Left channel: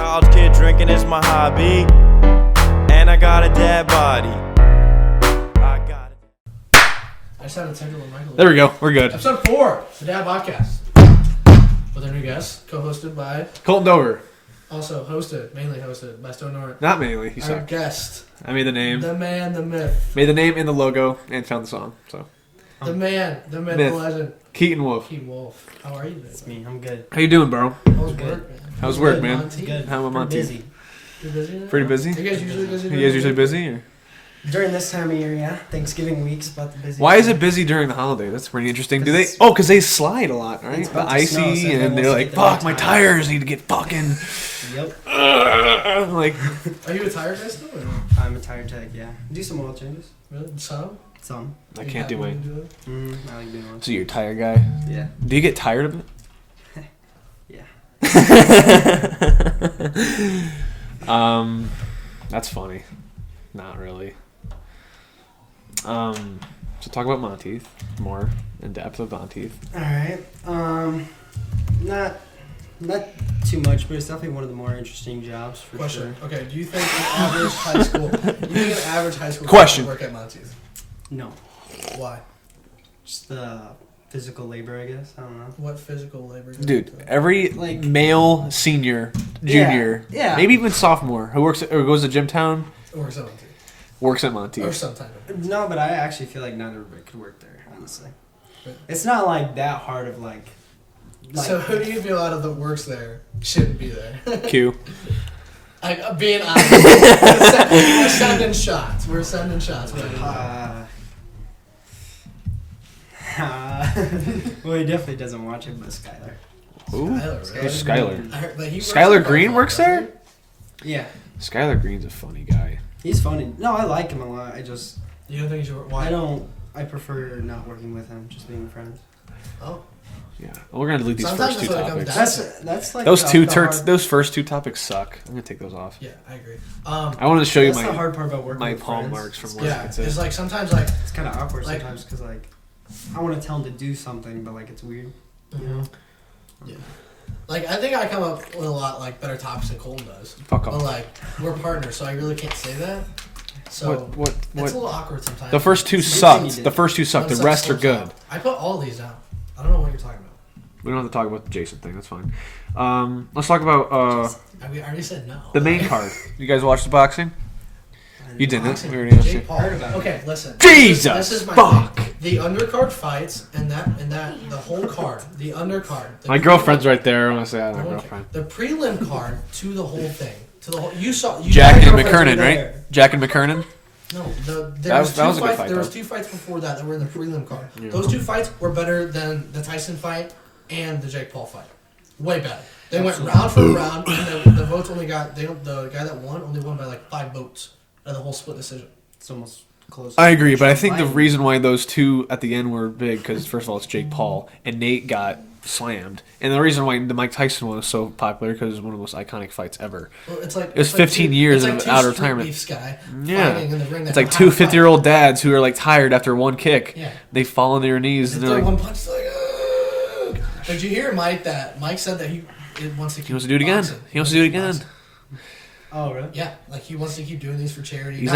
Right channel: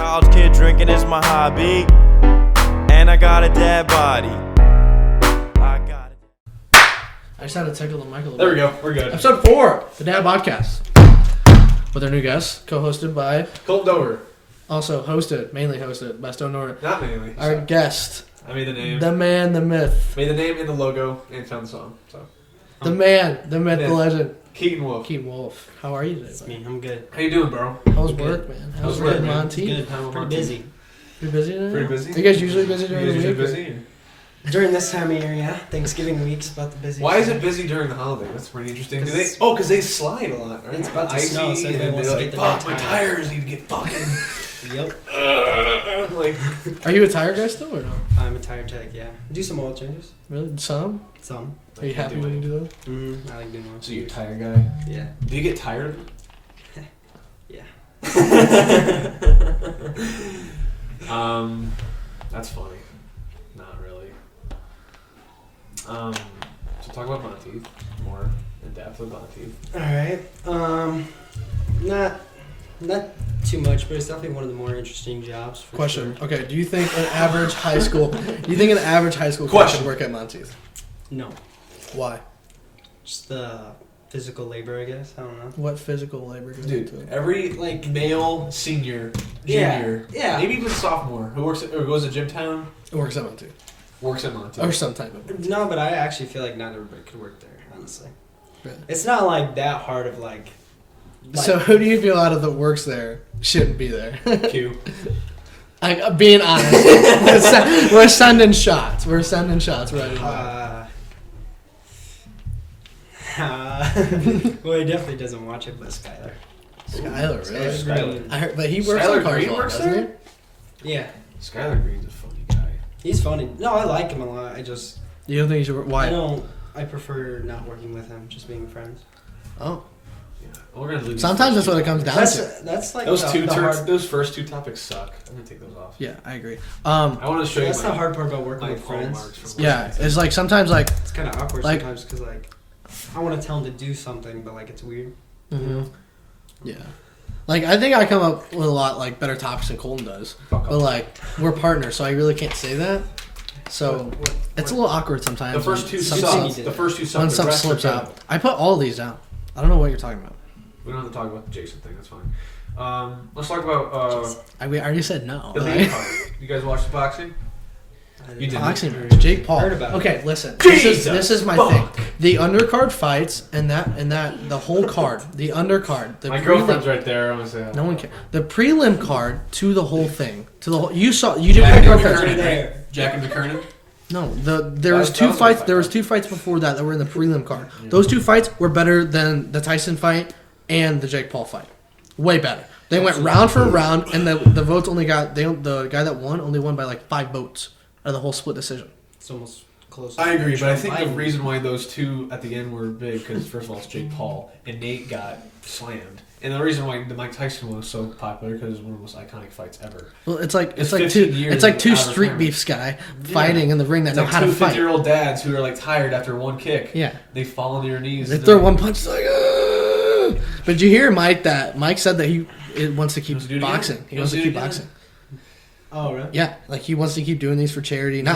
College kid drinking is my hobby. And I got a dad body. I got it. I just had to tickle the mic a little bit. There we go. We're good. Episode 4, the Dad Bodcast. With our new guest, co-hosted by... Koleton Dover. Also mainly hosted by Stone Nora. Not mainly. Our guest. I made the name. The man, the myth. Made the name and the logo and found the song. So. The man, the myth, the legend. Keaton Wolfe. Keaton Wolfe. How are you today? It's me. I'm good. How you doing, bro? How's work, man? How's work, man? Monty? Good. How am I Pretty busy. You're busy today? Pretty busy? Are you guys usually busy? You guys usually busy? Or? During this time of year, yeah. Thanksgiving week's about the busiest. Why is it busy during the holiday? That's pretty interesting. Do they? Oh, because they slide a lot, right? It's about to Icy, snow, so and they're like, "Fuck, my tires need to get fucking." Yep. Like, Are you a tire guy still or no? I'm a tire tech, yeah. Do some oil changes. Really? Some? Some. Are I you can't happy do when it. you do those? I like doing oil. So you're a tire guy? Yeah. Do you get tired of it? Yeah. That's funny. Not really. So talk about Monteith more in depth of Monteith. Alright. Not too much, but it's definitely one of the more interesting jobs for Question. sure. Okay, do you think an average high school kid Question. should work at Monteith? No. Why? Just the physical labor, I guess. I don't know. What physical labor goes Dude, into it? every Like- male senior, junior, Yeah. maybe even sophomore who works or goes to Gymtown It works at Monteith. works at Monteith. Or some type of... No, but I actually feel like not everybody could work there, honestly. Really? It's not like that hard of like So who do you feel out of that works there shouldn't be there? Q. Being honest. We're sending shots. Right now. Well, he definitely doesn't watch it, but Skylar. Skylar, really? Skylar. I heard, but he works Skylar at Green Carnival, works doesn't there? Yeah, Skylar Green's a funny guy. he's funny. No, I like him a lot. he? You don't think he should work? Why? I prefer not working with him, just being friends. Oh. Yeah. Well, we're gonna leave these Sometimes first that's two what it comes topics. down That's like Those the hard, those first two topics suck. I'm gonna take those off. Yeah, I agree. I wanted to show you That's the my hard part about working my with palm friends. marks from Yeah, working. it's like sometimes like... It's kind of awkward Like- sometimes because like I want to tell him to do something, but like it's weird. You know? Yeah. Like, I think I come up with a lot, like, better topics than Colton does. Fuck off. But, like, we're partners, so I really can't say that. So, it's a little awkward sometimes. The first two Something you sucked. did. The first two sucked. When The stuff rest are slips good. out. I put all these down. I don't know what you're talking about. We don't have to talk about the Jason thing. That's fine. Let's talk about I already said no. the main card. You guys watch the boxing? You didn't. Boxing. Very interesting. Jake Paul. Heard about it. Okay, listen. Jesus This is my fuck. thing. The undercard fights and that the whole card, the undercard. My girlfriend's right there. I want to say. No one cares. The prelim card to the whole thing. To the whole. You Jack and girlfriend's McKernan, right right? Jack and McKernan. No, there That was was two a good fights. fight, There was though. 2 fights before that were in the prelim card. Yeah. Those 2 fights were better than the Tyson fight and the Jake Paul fight. Way better. They went round for round, and the votes only got the guy that won only won by like 5 votes out of the whole split decision. It's almost close. I agree, but I think the Fighting. reason why those two at the end were big because first of all it's Jake Paul and Nate got slammed, and the reason why the Mike Tyson one was so popular because it was one of the most iconic fights ever. Well, it's like was like 15 two, years It's like of 2 outer street retirement. beefs guy Yeah. fighting in the ring. That It's like know how two to fight. 50-year-old dads who are like tired after one kick. Yeah. They fall on their knees. They and throw they're one like, punch. It's like, ugh. But did you hear Mike that Mike said that he wants to keep He wants to do it again. boxing. He wants to do it keep again. boxing. Oh really? Yeah, like he wants to keep doing these for charity, He's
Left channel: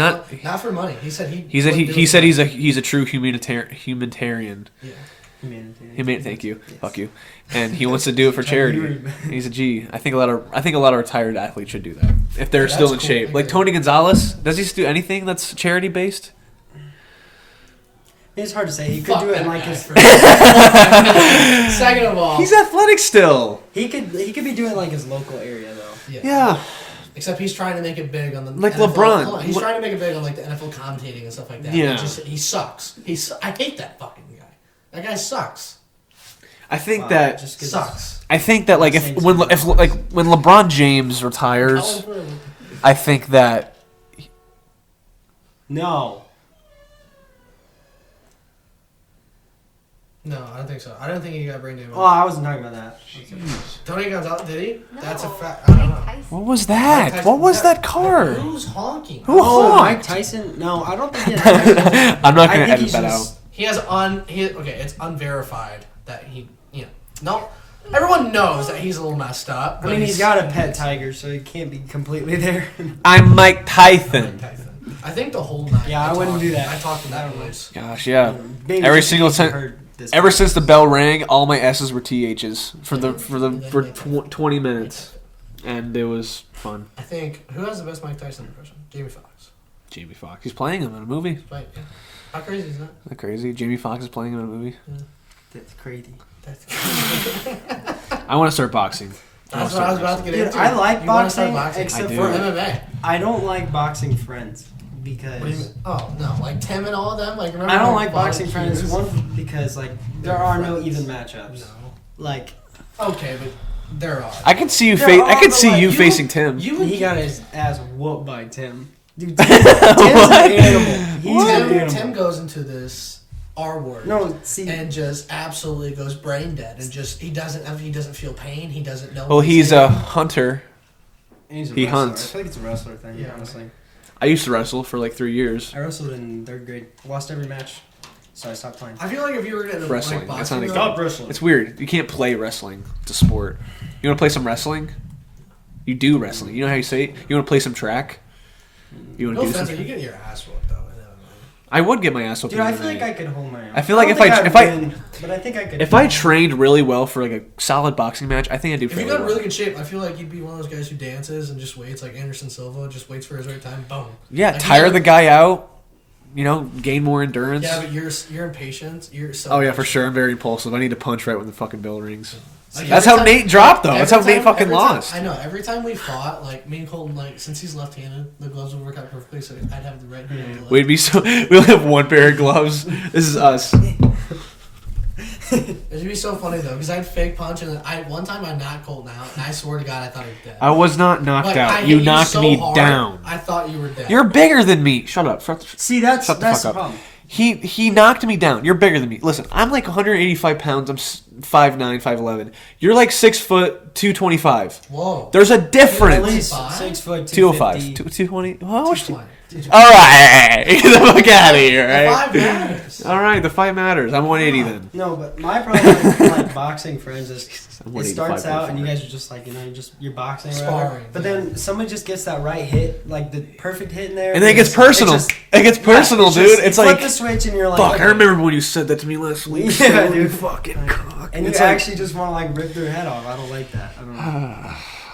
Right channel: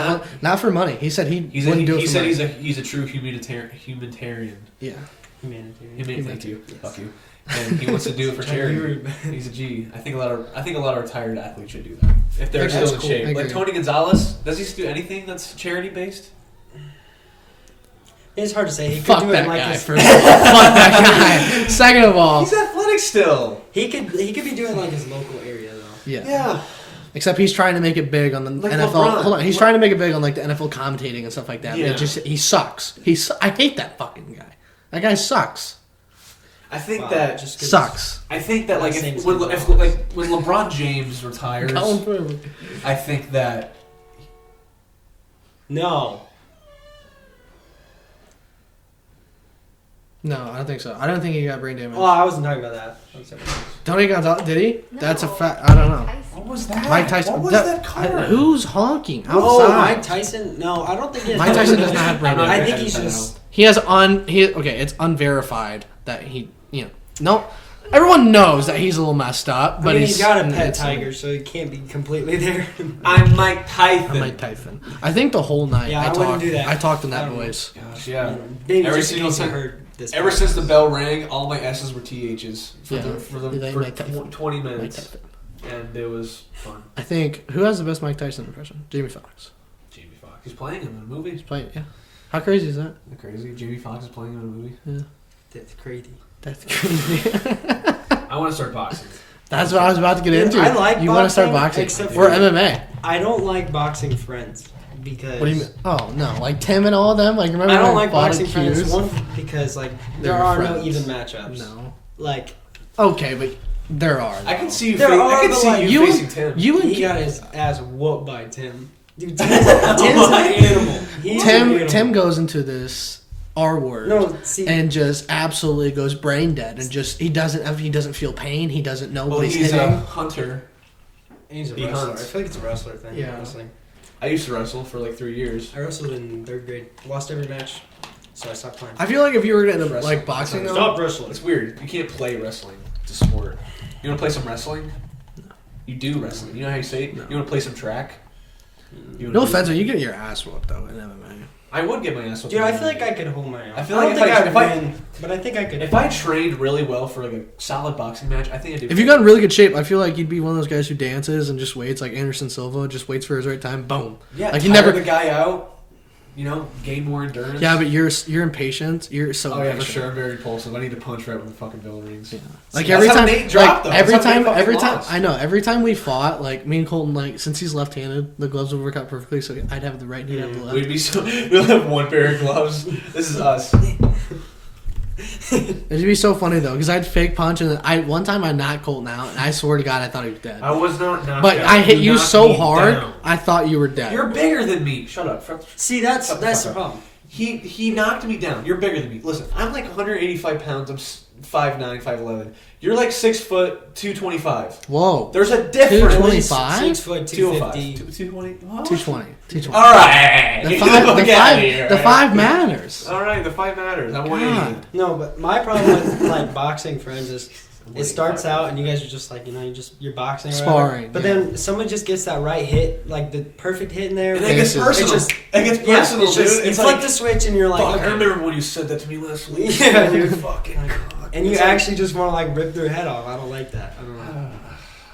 not for money. He said He said he's a true humanitarian. Yeah. Thank you. Yes. Fuck you. And he wants to do it for charity. He's a G. I think a lot of retired athletes should do that if they're Yeah, still that's in cool. shape. I Like agree. Tony Gonzalez, does he do anything that's charity based? It's hard to say. He could Fuck do it that in like guy his. first. Fuck that guy. Second of all, He's athletic still. He could be doing like his local area though. yeah. Yeah. Except he's trying to make it big on the Like NFL. LeBron. Hold on, he's trying to make it big on like the NFL commentating and stuff like that. Yeah. He sucks. I hate that fucking guy. That guy sucks. I think Wow, that just 'cause Sucks. I think that like if when LeBron James retires, I think that No. No, I don't think so. I don't think he got brain damage. Oh, I wasn't talking about that. Tony Gonzalez, did he? No, That's a fact. I don't know. what was Mike that? Tyson- What was that card? Who's honking? Oh, Outside? Mike Tyson? No, I don't think he has. Mike Tyson doesn't have brain I'm not I gonna think edit he's that just. out. He has okay, it's unverified that he, nope. Everyone knows that he's a little messed up, I but mean, he's got a pet tiger, so he can't be completely there. I'm Mike Tyson. Mike Tyson. I think the whole night. Yeah, I wouldn't do that. I talked in I that don't know. voice. Gosh, yeah. Maybe Every just in single case you time. heard this Ever podcast. since the bell rang, all my S's were THs for Yeah, for Mike Tyson. 20 Mike minutes, Tyson. and it was fun. I think who has the best Mike Tyson impression? Jamie Foxx. Jamie Foxx. He's playing him in a movie. Right? Yeah. How crazy is that? Isn't that crazy? Jamie Foxx is playing him in a movie. Yeah. That's crazy. That's crazy. I want to start boxing. That's what I was about to get Dude, into. I like you want to start boxing, boxing, except for for- MMA. I don't like boxing friends because What do you mean? Oh no, like Tim and all of them. Like remember? I don't when like we fought boxing in friends. Hughes? One because like there They're are friends. no even matchups. No. Like Okay, but there are. I can see you. There I are, can but, see like, you you- facing Tim. You and he got his ass whooped by Tim. Dude, Tim's an animal. He's an animal. Tim goes into this R word. No, see, And just absolutely goes brain dead, and just he doesn't feel pain. He doesn't know. Well, what he's a hitting. hunter. he's a he wrestler. hunts. I feel like it's a wrestler thing. Yeah. Honestly, I used to wrestle for like 3 years. I wrestled in 3rd grade. Lost every match, so I stopped playing. I feel like if you were into Wrestling. like boxing, That's though, Stop wrestling. It's weird. You can't play wrestling. It's a sport. You want to play some wrestling? You do wrestling. You know how you say it? You want to play some track? You wanna no do offense, some- you get your ass whooped though in MMA. I would get my ass whooped. Dude, in I feel MMA. like I could hold my own. I feel like don't if think I- I've if I- been, but I think I could. If I trained really well for like a solid boxing match, I think I'd do. If you got in really good shape, I feel like you'd be one of those guys who dances and just waits, like Anderson Silva, just waits for his right time. Boom. yeah, like, you tire never- the guy out. You know, gain more endurance. Yeah, but you're impatient. You're so. Oh yeah, for impatient. sure. I'm very impulsive. I need to punch right when the fucking bell rings. Like That's every how time- Nate dropped them. That's Every how Nate time, fucking every time, lost. I know. Every time we fought, like me and Colton, like since he's left-handed, the gloves would work out perfectly. So I'd have the right hand. Yeah. and the left. We'd be so. We'll have one pair of gloves. This is us. It'd be so funny though, because I'd fake punch, and then one time I knocked Colton out, and I swear to God, I thought he was dead. I was not knocked But out. I hit you knocked so me hard, down. I thought you were dead. You're bigger than me. Shut up. See, that's Shut the the fuck up. problem. He knocked me down. You're bigger than me. Listen, I'm like 185 pounds. I'm 5'9", 5'11". You're like 6 foot, 225. Whoa. There's a At difference. least 5? 6 foot 205. 250. 220. Oh, 220. 220. all right. Get the fuck out of here. The right? 5 matters. All right, the 5 matters. I'm 180 God. then. No, but my problem with like boxing friends is I'm it starts 185 out and you guys are just like, you know, you're boxing or whatever. Sparring, But yeah. then someone just gets that right hit, like the perfect hit in there. And then it gets personal. It's just- It gets yeah, personal, it's dude. just- It's you like, flip the switch and you're like, fuck, okay. I remember when you said that to me last week. Yeah, dude. Fucking Like, cock. and you It's like- actually just want to like rip their head off. I don't like that. I don't know.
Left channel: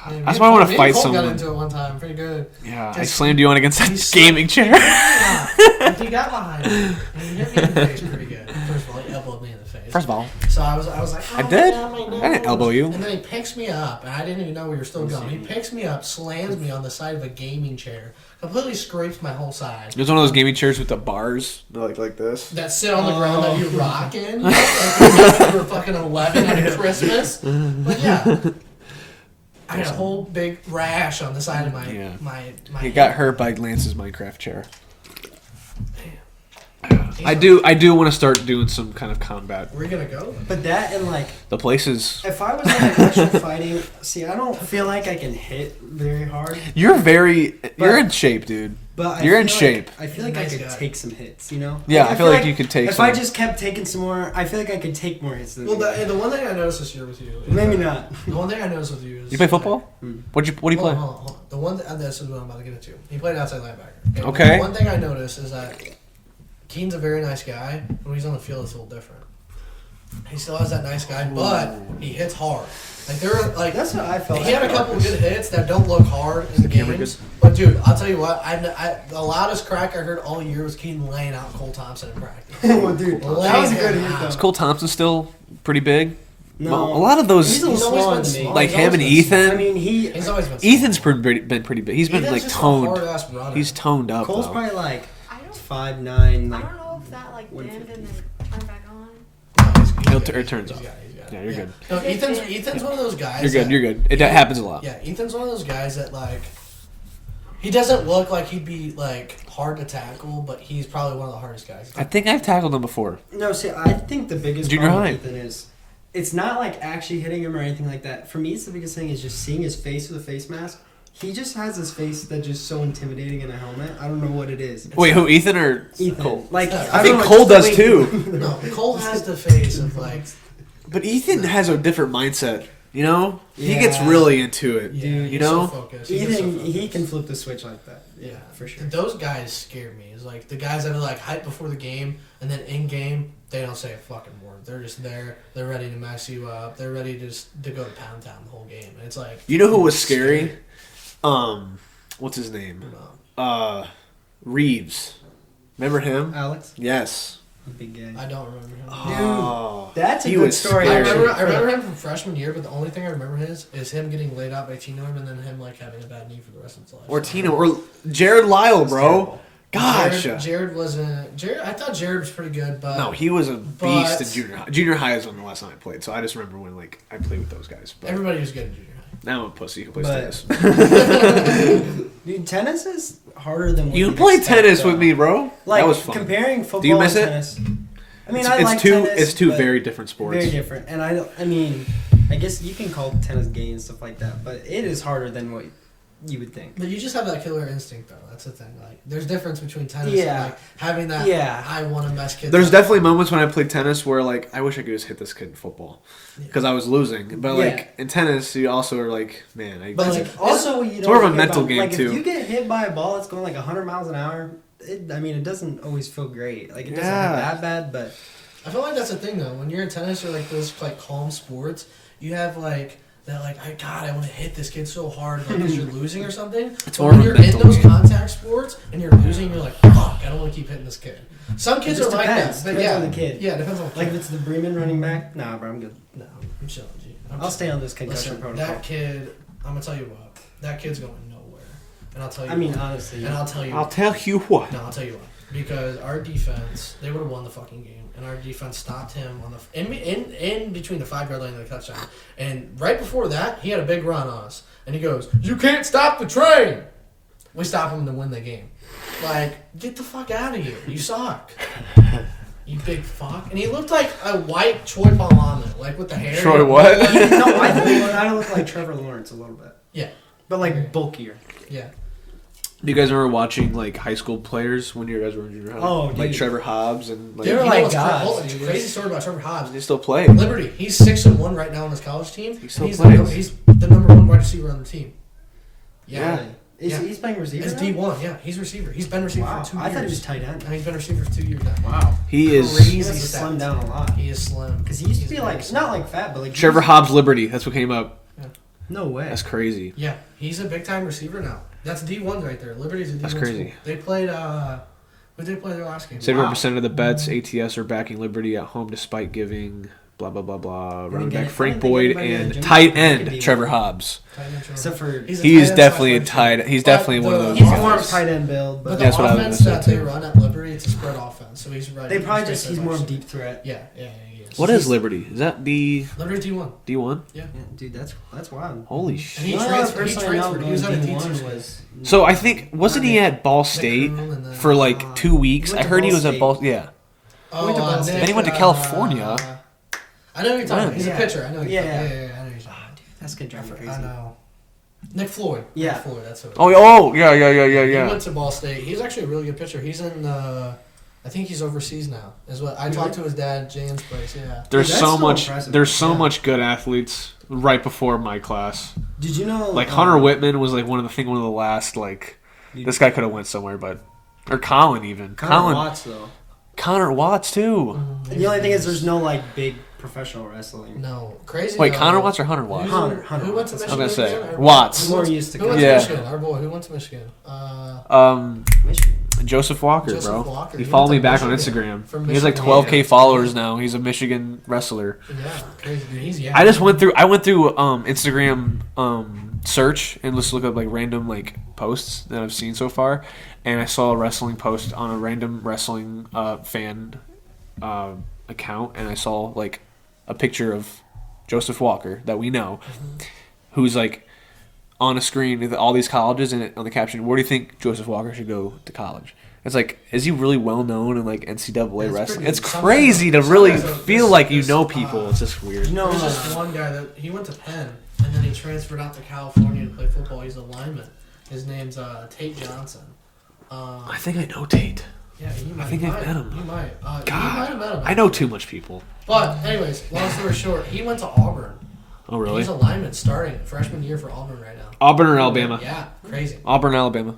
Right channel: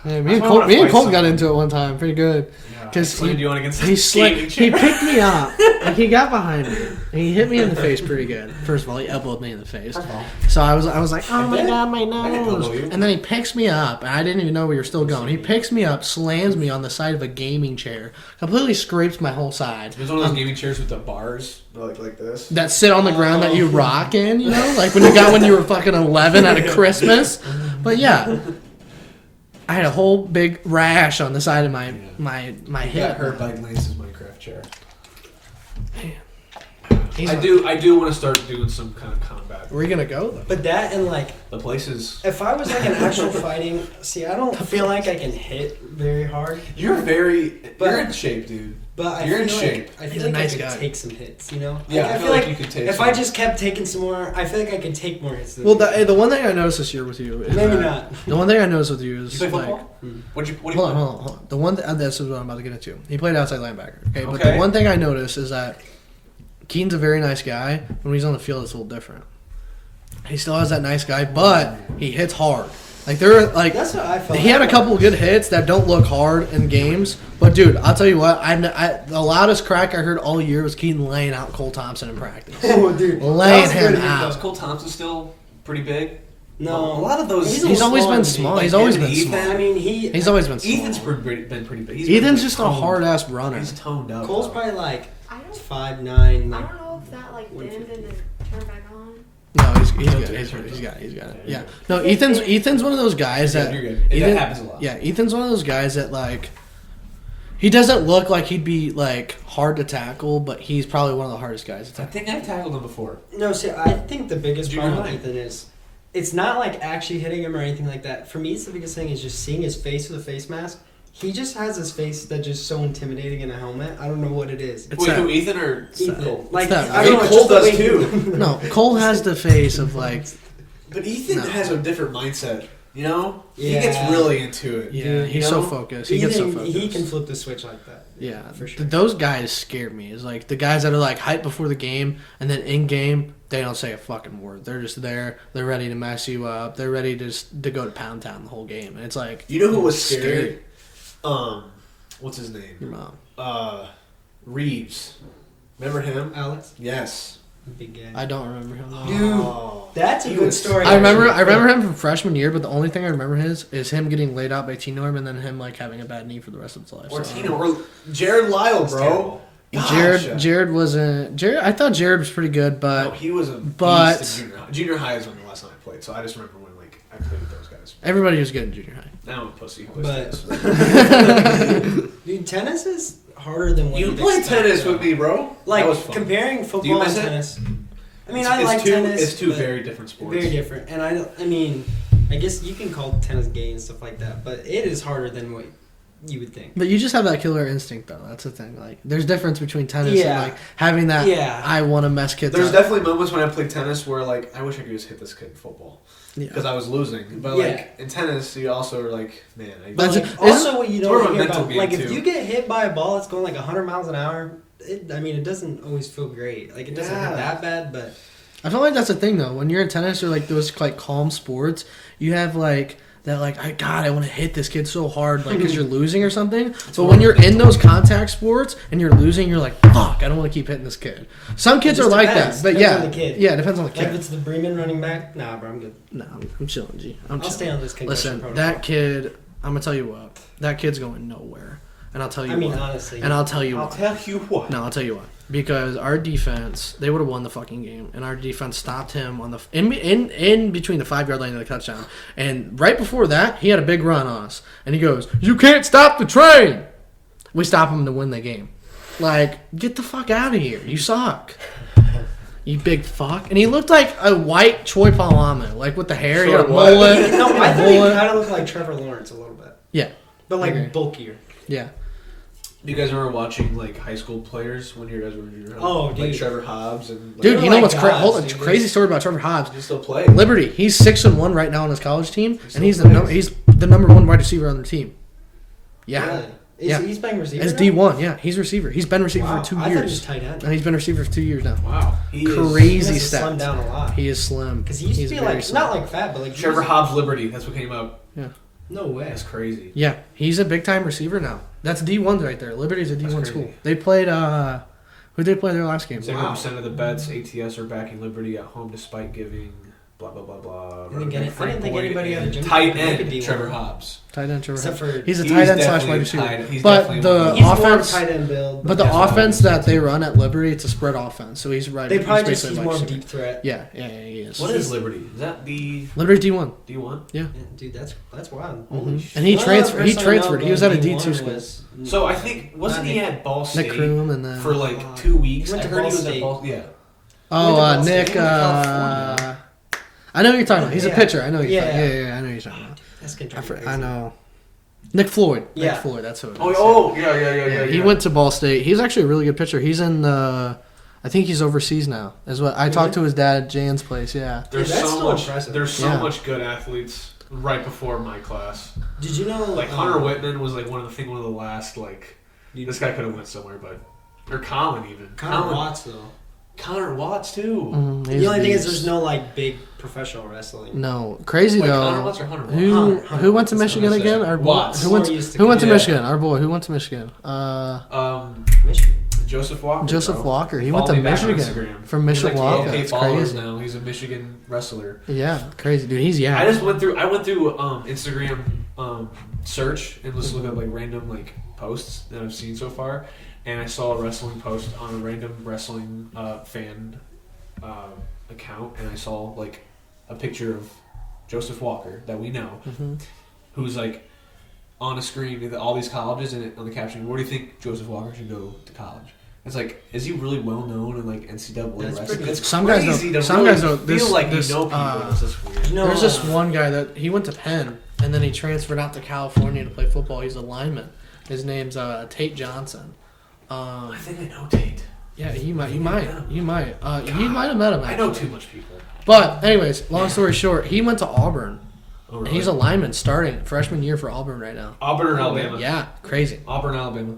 Yeah, me That's and why I wanna Colton- me fight and Colton got someone. into it one time. Pretty good. Yeah, I Just- slammed you on against He that gaming He chair. picked me up. And he got behind me. And he hit me in the face pretty good. First of all, he elbowed me in the face. First of all, So I was like, oh I my did? God, my nose. I didn't elbow you. And then he picks me up, and I didn't even know we were still going. He picks me up, slams me on the side of a gaming chair, completely scrapes my whole side. there's one of those gaming chairs with the bars, like this. That sit on the ground that you rock in, you know, like when you got when you were fucking 11 at a Christmas. But yeah, I had a whole big rash on the side of my Yeah. my He hip. got hurt by Lance's Minecraft chair. He's I like, do want to start doing some kind of combat. Where are you gonna go? But that and like, The places if I was like an actual fighting, see, I don't feel like I can hit very hard. you're But- in shape, dude. But You're I in feel shape. Like, I He's feel a like nice I could guy. take some hits, you know? Yeah, I feel like you could take If some. I just kept taking some more, I feel like I could take more hits than Well, you. the one thing I noticed this year with you, is Maybe that- not. The one thing I noticed with you is You play like, football? What do you Hold play? on, hold on. The one this is what I'm about to get into. He played outside linebacker. Okay. But Okay. the one thing I noticed is that Keaton's a very nice guy. When he's on the field, it's a little different. He still has that nice guy, but he hits hard. Like there, like That's what I felt. he had a couple good hits that don't look hard in games. But dude, I'll tell you what, the loudest crack I heard all year was Keaton laying out Cole Thompson in practice. Oh, dude. That Laying was a good him hit, out. Is Cole Thompson still pretty big? No. Well, a lot of those. He's a He's always smaller been than me. small. like He's him always and been Ethan. small. I mean, He's always been small. Ethan's been pretty big. He's been Ethan's like just toned. a hard ass runner. He's toned up. Cole's though. probably like I don't. 5'9", I like don't know if that like dimmed and then turned back on. No, he's He'll good. turn- He's turns got up. it. He's got it. Yeah, you're Yeah. good. No, Because Ethan's one of those guys. You're good. that- You're good. That Ethan- happens a lot. Yeah, Ethan's one of those guys that like. He doesn't look like he'd be like hard to tackle, but he's probably one of the hardest guys. I think I've tackled him before. No, see, I think the biggest Junior problem high. with Ethan is it's not like actually hitting him or anything like that. For me, it's the biggest thing is just seeing his face with a face mask. He just has his face that's just so intimidating in a helmet. I don't know what it is. Wait, who? Ethan or Ethan. Cole? Like, It's not- I I don't think know, Cole just the does way he- too. No, Cole has the face of like But Ethan has a different mindset. You know, he Yeah. gets really into it. Yeah, he's you know? so focused. He can flip the switch like that. Yeah, for sure. Those guys scare me. It's like the guys that are like hyped before the game, and then in game they don't say a fucking word. They're just there. They're ready to mess you up. They're ready to go to Pound Town the whole game. And it's like, You know who was scary? What's his name? No. Reeves. Remember him? Alex, Yes. big guy. I don't remember him. Oh. That's a He good was- story. I remember actually. him from freshman year, but the only thing I remember is him getting laid out by T-Norm and then him like having a bad knee for the rest of his life. Or So- Tino. Or Jared Lyle, bro. terrible. Gotcha. Jared wasn't. Jared, I thought Jared was pretty good, but No, he was a but- beast in junior high. Junior high is when the last time I played, so I just remember when I played with those guys. everybody was good in junior high. Now I'm a pussy. I play But- tennis. Dude, tennis is harder than what You you'd play expect, tennis though. with me, bro. Like that was fun. comparing Do football you and miss it? tennis. I mean, It's- I it's like two, tennis. It's two but very different sports. very different, and I mean, I guess you can call tennis gay and stuff like that, but it is harder than what you would think. But you just have that killer instinct, though. That's the thing. Like, there's difference between tennis Yeah. and like having that. Yeah. I want to mess kids. There's up. definitely moments when I played tennis where like I wish I could just hit this kid in football Yeah. because I was losing. But Yeah. like in tennis, you also are like, man, But But it's- like, also, what you it's don't more of a hear mental about, game, like too. if you get hit by a ball that's going like 100 miles an hour, it doesn't always feel great. Like it doesn't Yeah. hurt that bad, but I feel like that's the thing, though. When you're in tennis or like those like calm sports, you have like that like I want to hit this kid so hard like because you're losing or something. So when you're in those contact sports and you're losing, you're like, fuck, I don't want to keep hitting this kid. Some kids It are just like depends. that, but Depends yeah, on the kid. yeah, it depends on the kid. like if it's the Bremen running back, nah, bro, I'm good. No, I'm chilling, G. I'm I'll chilling. stay on this concussion Listen, protocol. that kid, I'm gonna tell you what, that kid's going nowhere, and I'll tell you. I mean, what. honestly, And I'll tell you. I'll what. tell you what. No, I'll tell you what. Because our defense, they would have won the fucking game, and our defense stopped him on the in between the 5-yard line and the touchdown. And right before that, he had a big run on us, and he goes, "You can't stop the train." We stop him to win the game. Like, get the fuck out of here! You suck. You big fuck. And he looked like a white Choi Palama, like with the hair. Sorry, and a what? mullet. no, I think he kind of looked like Trevor Lawrence a little bit, Yeah, but like Okay. bulkier. yeah. Do you guys remember watching like high school players when you guys were in junior high? Oh, like dude. Trevor Hobbs and like, Dude, They're you know like what's gods, hold on, dude. crazy story about Trevor Hobbs? they still play. Liberty. He's 6-1 right now on his college team, and still he's plays. the number one wide receiver on the team. Yeah, Really? Yeah. He's playing receiver. it's now? D1. Yeah, he's receiver. He's been receiver Wow. for 2 I thought he was years, tight end. and he's been receiver for 2 years now. Wow. He is Crazy He has to stats. slim down a lot. He is slim Because he used He's to be very like, slim. not like fat, but like. Trevor Hobbs Liberty. That's what came up. No way. That's crazy. Yeah, he's a big time receiver now. That's D1 right there. Liberty's a That's D1 crazy. school. They played. Who did they play their last game? 71% of the bets ATS are backing Liberty at home despite giving blah blah blah blah. Didn't Running get back it. I Frank didn't think Boyd anybody at and Jimmy tight could end be Trevor one. Hobbs. Tight end. Trevor. Except for He's a He's tight end definitely a slash tight. receiver. He's But definitely one of the those. he's more of a offense- tight end build, But the That's what I offense was that they run at Liberty, it's a spread offense. So he's right. they probably he's just he's basically more of a like- deep threat. Yeah, he is. What is Liberty? Is that the Liberty's D1? D1? Yeah. Yeah, dude, that's wild. Holy shit! And he The only other transferred. He person I know transferred. He was going at a D1 D2 school. was- So I think wasn't he at Ball Nick State Kroom and then, for like 2 weeks? he went I to heard he Ball was at State. Ball. Yeah. Oh, went to Ball State. Nick. He went to California. I know who you're talking about. He's Yeah. a pitcher. I know. Who you're Yeah. talking. Yeah, I know who you're talking about. That's gonna drive me crazy. I know. Nick Floyd. Yeah. Nick Floyd. That's who. It is. Oh, yeah. He went to Ball State. He's actually a really good pitcher. He's in the. I think he's overseas now. Is what I talked to his dad, at Jan's place. Yeah. There's Dude, that's so so much. impressive. There's so Yeah. much good athletes right before my class. Did you know? Like Hunter Whitman was like one of the last like. Dude, This guy could have went somewhere, but or Colin even. Connor Watts though. Connor Watts too. Mm, The only thing is, there's no like big professional wrestling. No, crazy. Wait, though. Connor Watts or Hunter Watts? Hunter Who went to Watts, that's Michigan what I said. again? Our boy- Watts. Who went, More used to who went to Yeah. Michigan? Our boy. Who went to Michigan? Michigan. Joseph Walker. Joseph bro. Walker. He He followed me went to back on Michigan. Instagram. From he has like Michigan. 12K That's followers crazy. now. He's a Michigan wrestler. Yeah, crazy dude. He's I just went through Instagram search and just look up like random like posts that I've seen so far, and I saw a wrestling post on a random wrestling fan account, and I saw like a picture of Joseph Walker that we know, who's like on a screen with all these colleges, and on the caption, "Where do you think Joseph Walker should go to college?" It's like, is he really well known in like NCAA That's wrestling? pretty- It's some guys crazy don't- to some really guys don't- feel this- like you this, know people. It's just weird. You know, There's this one guy that he went to Penn and then he transferred out to California to play football. He's a lineman. His name's Tate Johnson. I think I know Tate. Yeah, he might. He think I've might. met him. He might. God, He might have met him. I know too much people. But anyways, long story short, he went to Auburn. Oh, really? He's a lineman starting freshman year for Auburn right now. Auburn or Alabama? Yeah, crazy. Auburn, Alabama.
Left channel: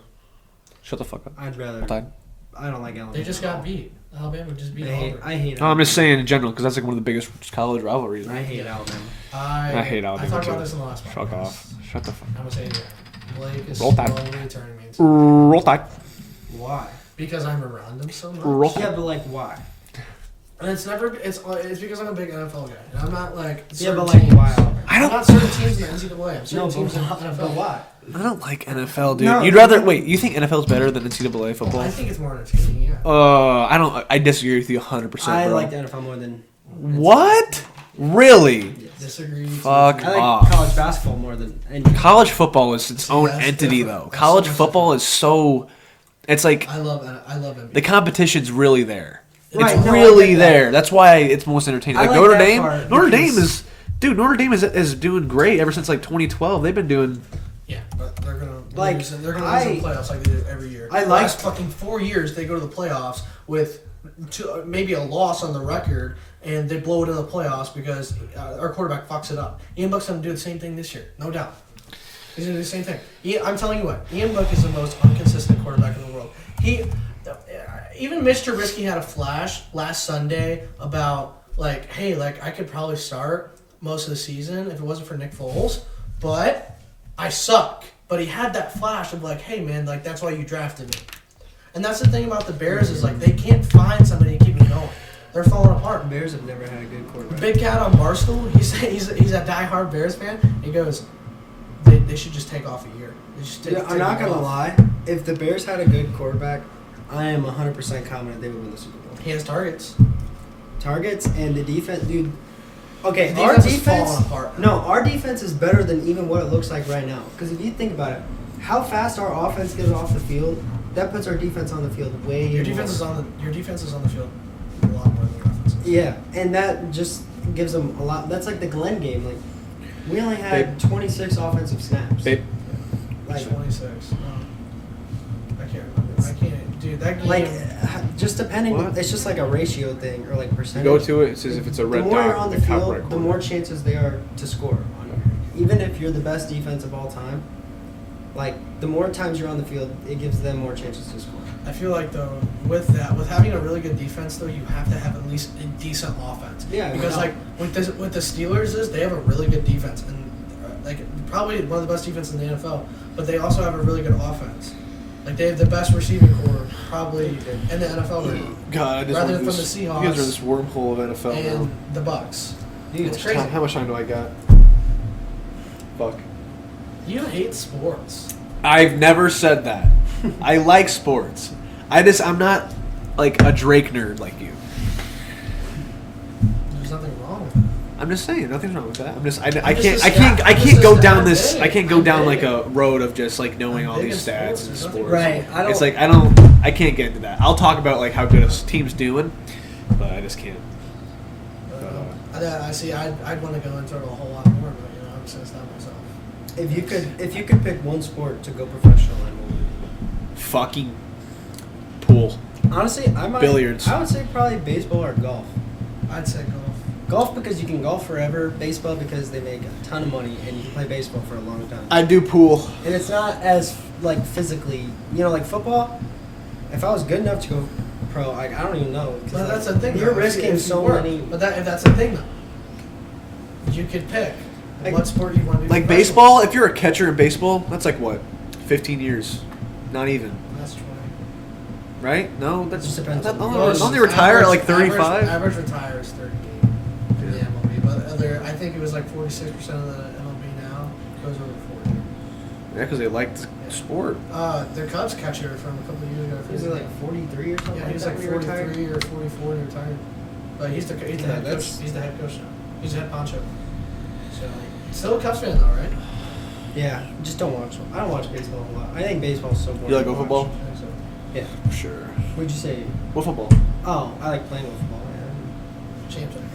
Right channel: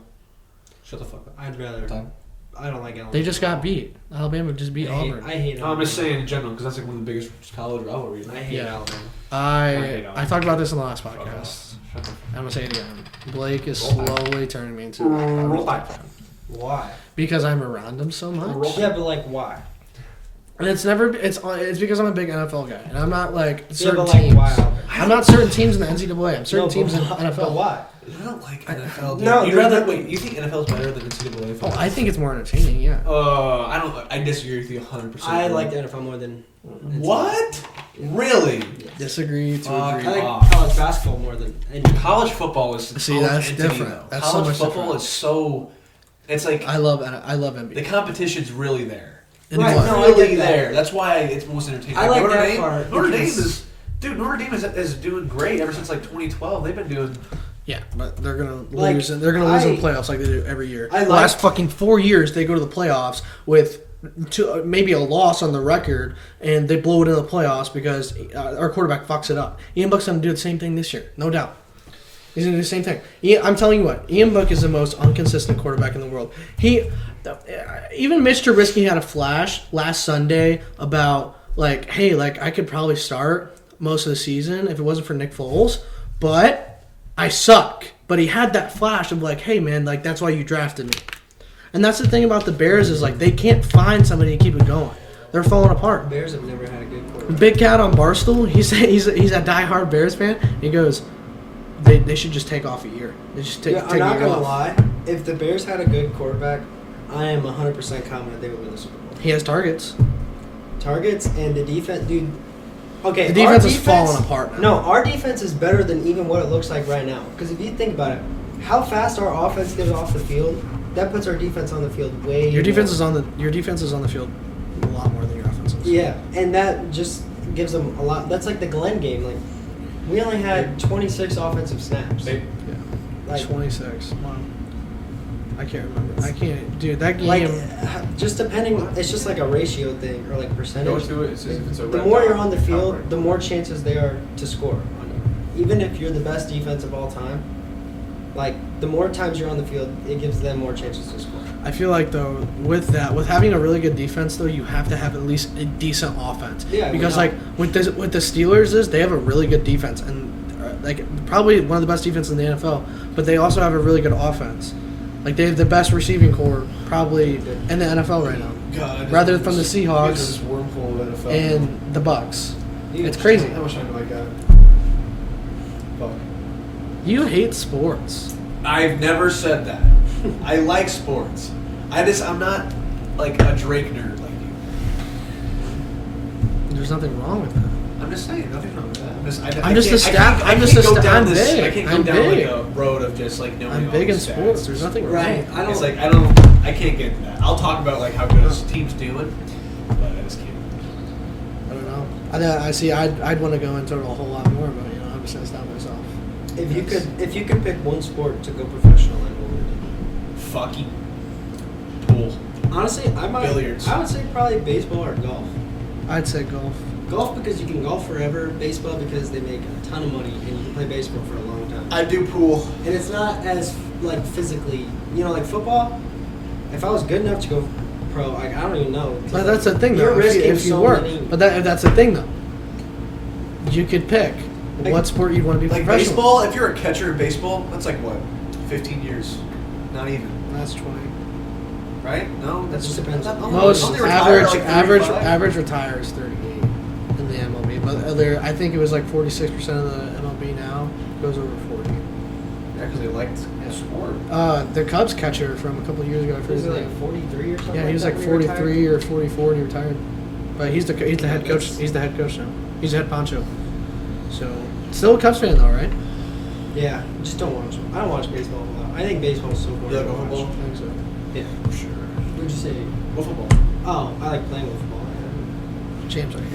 Shut the fuck up. I'd rather. Time. I don't like Alabama. They just got beat. Alabama just beat Auburn. I hate No, I'm just saying in general because that's like one of the biggest college rivalries. I hate Yeah. Alabama. I hate Alabama. I talked about this in the last Fuck podcast. off. Shut the fuck I'm gonna say it again. Blake is Roll Tide. slowly turning me into Roll Tide. Why? because I'm around him so much. Roll Yeah, but like why? And it's because I'm a big NFL guy, and I'm not like Yeah, certain but like teams. why? I'm not certain teams in the NCAA. I'm certain No, teams in but NFL. why? I don't like NFL, dude. No, You'd rather wait. You think NFL is better than NCAA football? Oh, I think it's more entertaining. Yeah. I don't. I disagree with you 100%. I bro. like the NFL more than. What? Really? Disagree. Fuck. I like off. college basketball more than any. College football is its See, own that's entity, different. though. That's College so much football different. is so. It's like I love NBA. the competition's really there. Right, It's no, I really get that. there. That's why it's most entertaining. I Like like Notre that Dame. part Notre Dame because- Notre Dame is doing great ever since like 2012. They've been doing. Yeah, but they're gonna Like, lose. They're gonna lose in I- the playoffs like they do every year. I like- Last fucking 4 years, they go to the playoffs with maybe a loss on the record, and they blow it in the playoffs because our quarterback fucks it up. Ian Book's gonna do the same thing this year, no doubt. He's gonna do the same thing. I'm telling you what, Ian Book is the most inconsistent quarterback in the world. Even Mitch Trubisky had a flash last Sunday about like, hey, like I could probably start most of the season if it wasn't for Nick Foles, but I suck. But he had that flash of like, hey man, like that's why you drafted me. And that's the thing about the Bears is like they can't find somebody to keep it going. They're falling apart. Bears have never had a good quarterback. Big Cat on Barstool, he's a diehard Bears fan. He goes, they should just take off a year. They just take. Yeah, take I'm not a year gonna off. lie. If the Bears had a good quarterback, I am 100% confident they would win the Super Bowl. He has targets. Targets and the defense, dude. Okay, The our defense is falling apart. No, our defense is better than even what it looks like right now. Because if you think about it, how fast our offense gets off the field, that puts our defense on the field way. Your defense more. is on the field a lot more than your offense is. Yeah, and that just gives them a lot. That's like the Glenn game. Like we only had 26 offensive snaps. Like 26. Wow. I can't remember. I can't, dude. That game. like just depending, it's just like a ratio thing or like percentage. Go to it. It says if it's a The red more dot, you're on the top field, right the corner. more chances they are to score on you. Even if you're the best defense of all time, like the more times you're on the field, it gives them more chances to score. I feel like though with having a really good defense though, you have to have at least a decent offense. Yeah, Because without- like with the Steelers they have a really good defense and like probably one of the best defense in the NFL, but they also have a really good offense. Like they have the best receiving core probably in the NFL right now, God, I just rather went from the through you guys are Seahawks this wormhole of NFL. and the Bucks. Dude, It's crazy. How much time do I got? Fuck. You hate sports. I've never said that. I like sports. I'm not like a Drake nerd like you. There's nothing wrong with that. I'm just saying, nothing wrong with that. I I'm can't go down I'm this. big. I can't go I'm down big. like a road of just like knowing I'm all big these in stats. sports. There's nothing Right. I don't. It's like I can't get into that. I'll talk about like how good his team's doing, but I just can't. I don't know. I see. I'd want to go into it a whole lot more, but obviously it's not myself. If you could pick one sport to go professional in, what would it Fucking pool. be? Honestly, Billiards. I would say probably baseball or golf. I'd say golf. Golf because you can golf forever. Baseball because they make a ton of money and you can play baseball for a long time. I do pool. And it's not as like physically, like football. If I was good enough to go pro, I don't even know. 'Cause, Well, that's the thing, You're though. risking if you so were. many. But that's the thing, though. You could pick Like- what sport you want to be. Like professional. baseball, if you're a catcher in baseball, that's like what, 15 years, not even, That's 20. right? No, that's just depends. Only retire at like 35. average retire is 38 in the MLB. But I think it was like 46% of the MLB now goes over 40. Yeah, because they liked the sport. The Cubs catcher from a couple of years ago. I forget Was his it like name. 43 or something? Yeah, he was like that when he retired? 43 or 44 and he retired. But he's the head coach. that's- He's the head coach now. He's the head poncho. So still a Cubs fan though, right? Yeah, just don't watch. I don't watch baseball a lot. I think baseball is so boring. You like to watch. football? I think so. Yeah. For sure. What'd you say? What football? Oh, I like playing with football. Yeah. Champs out here.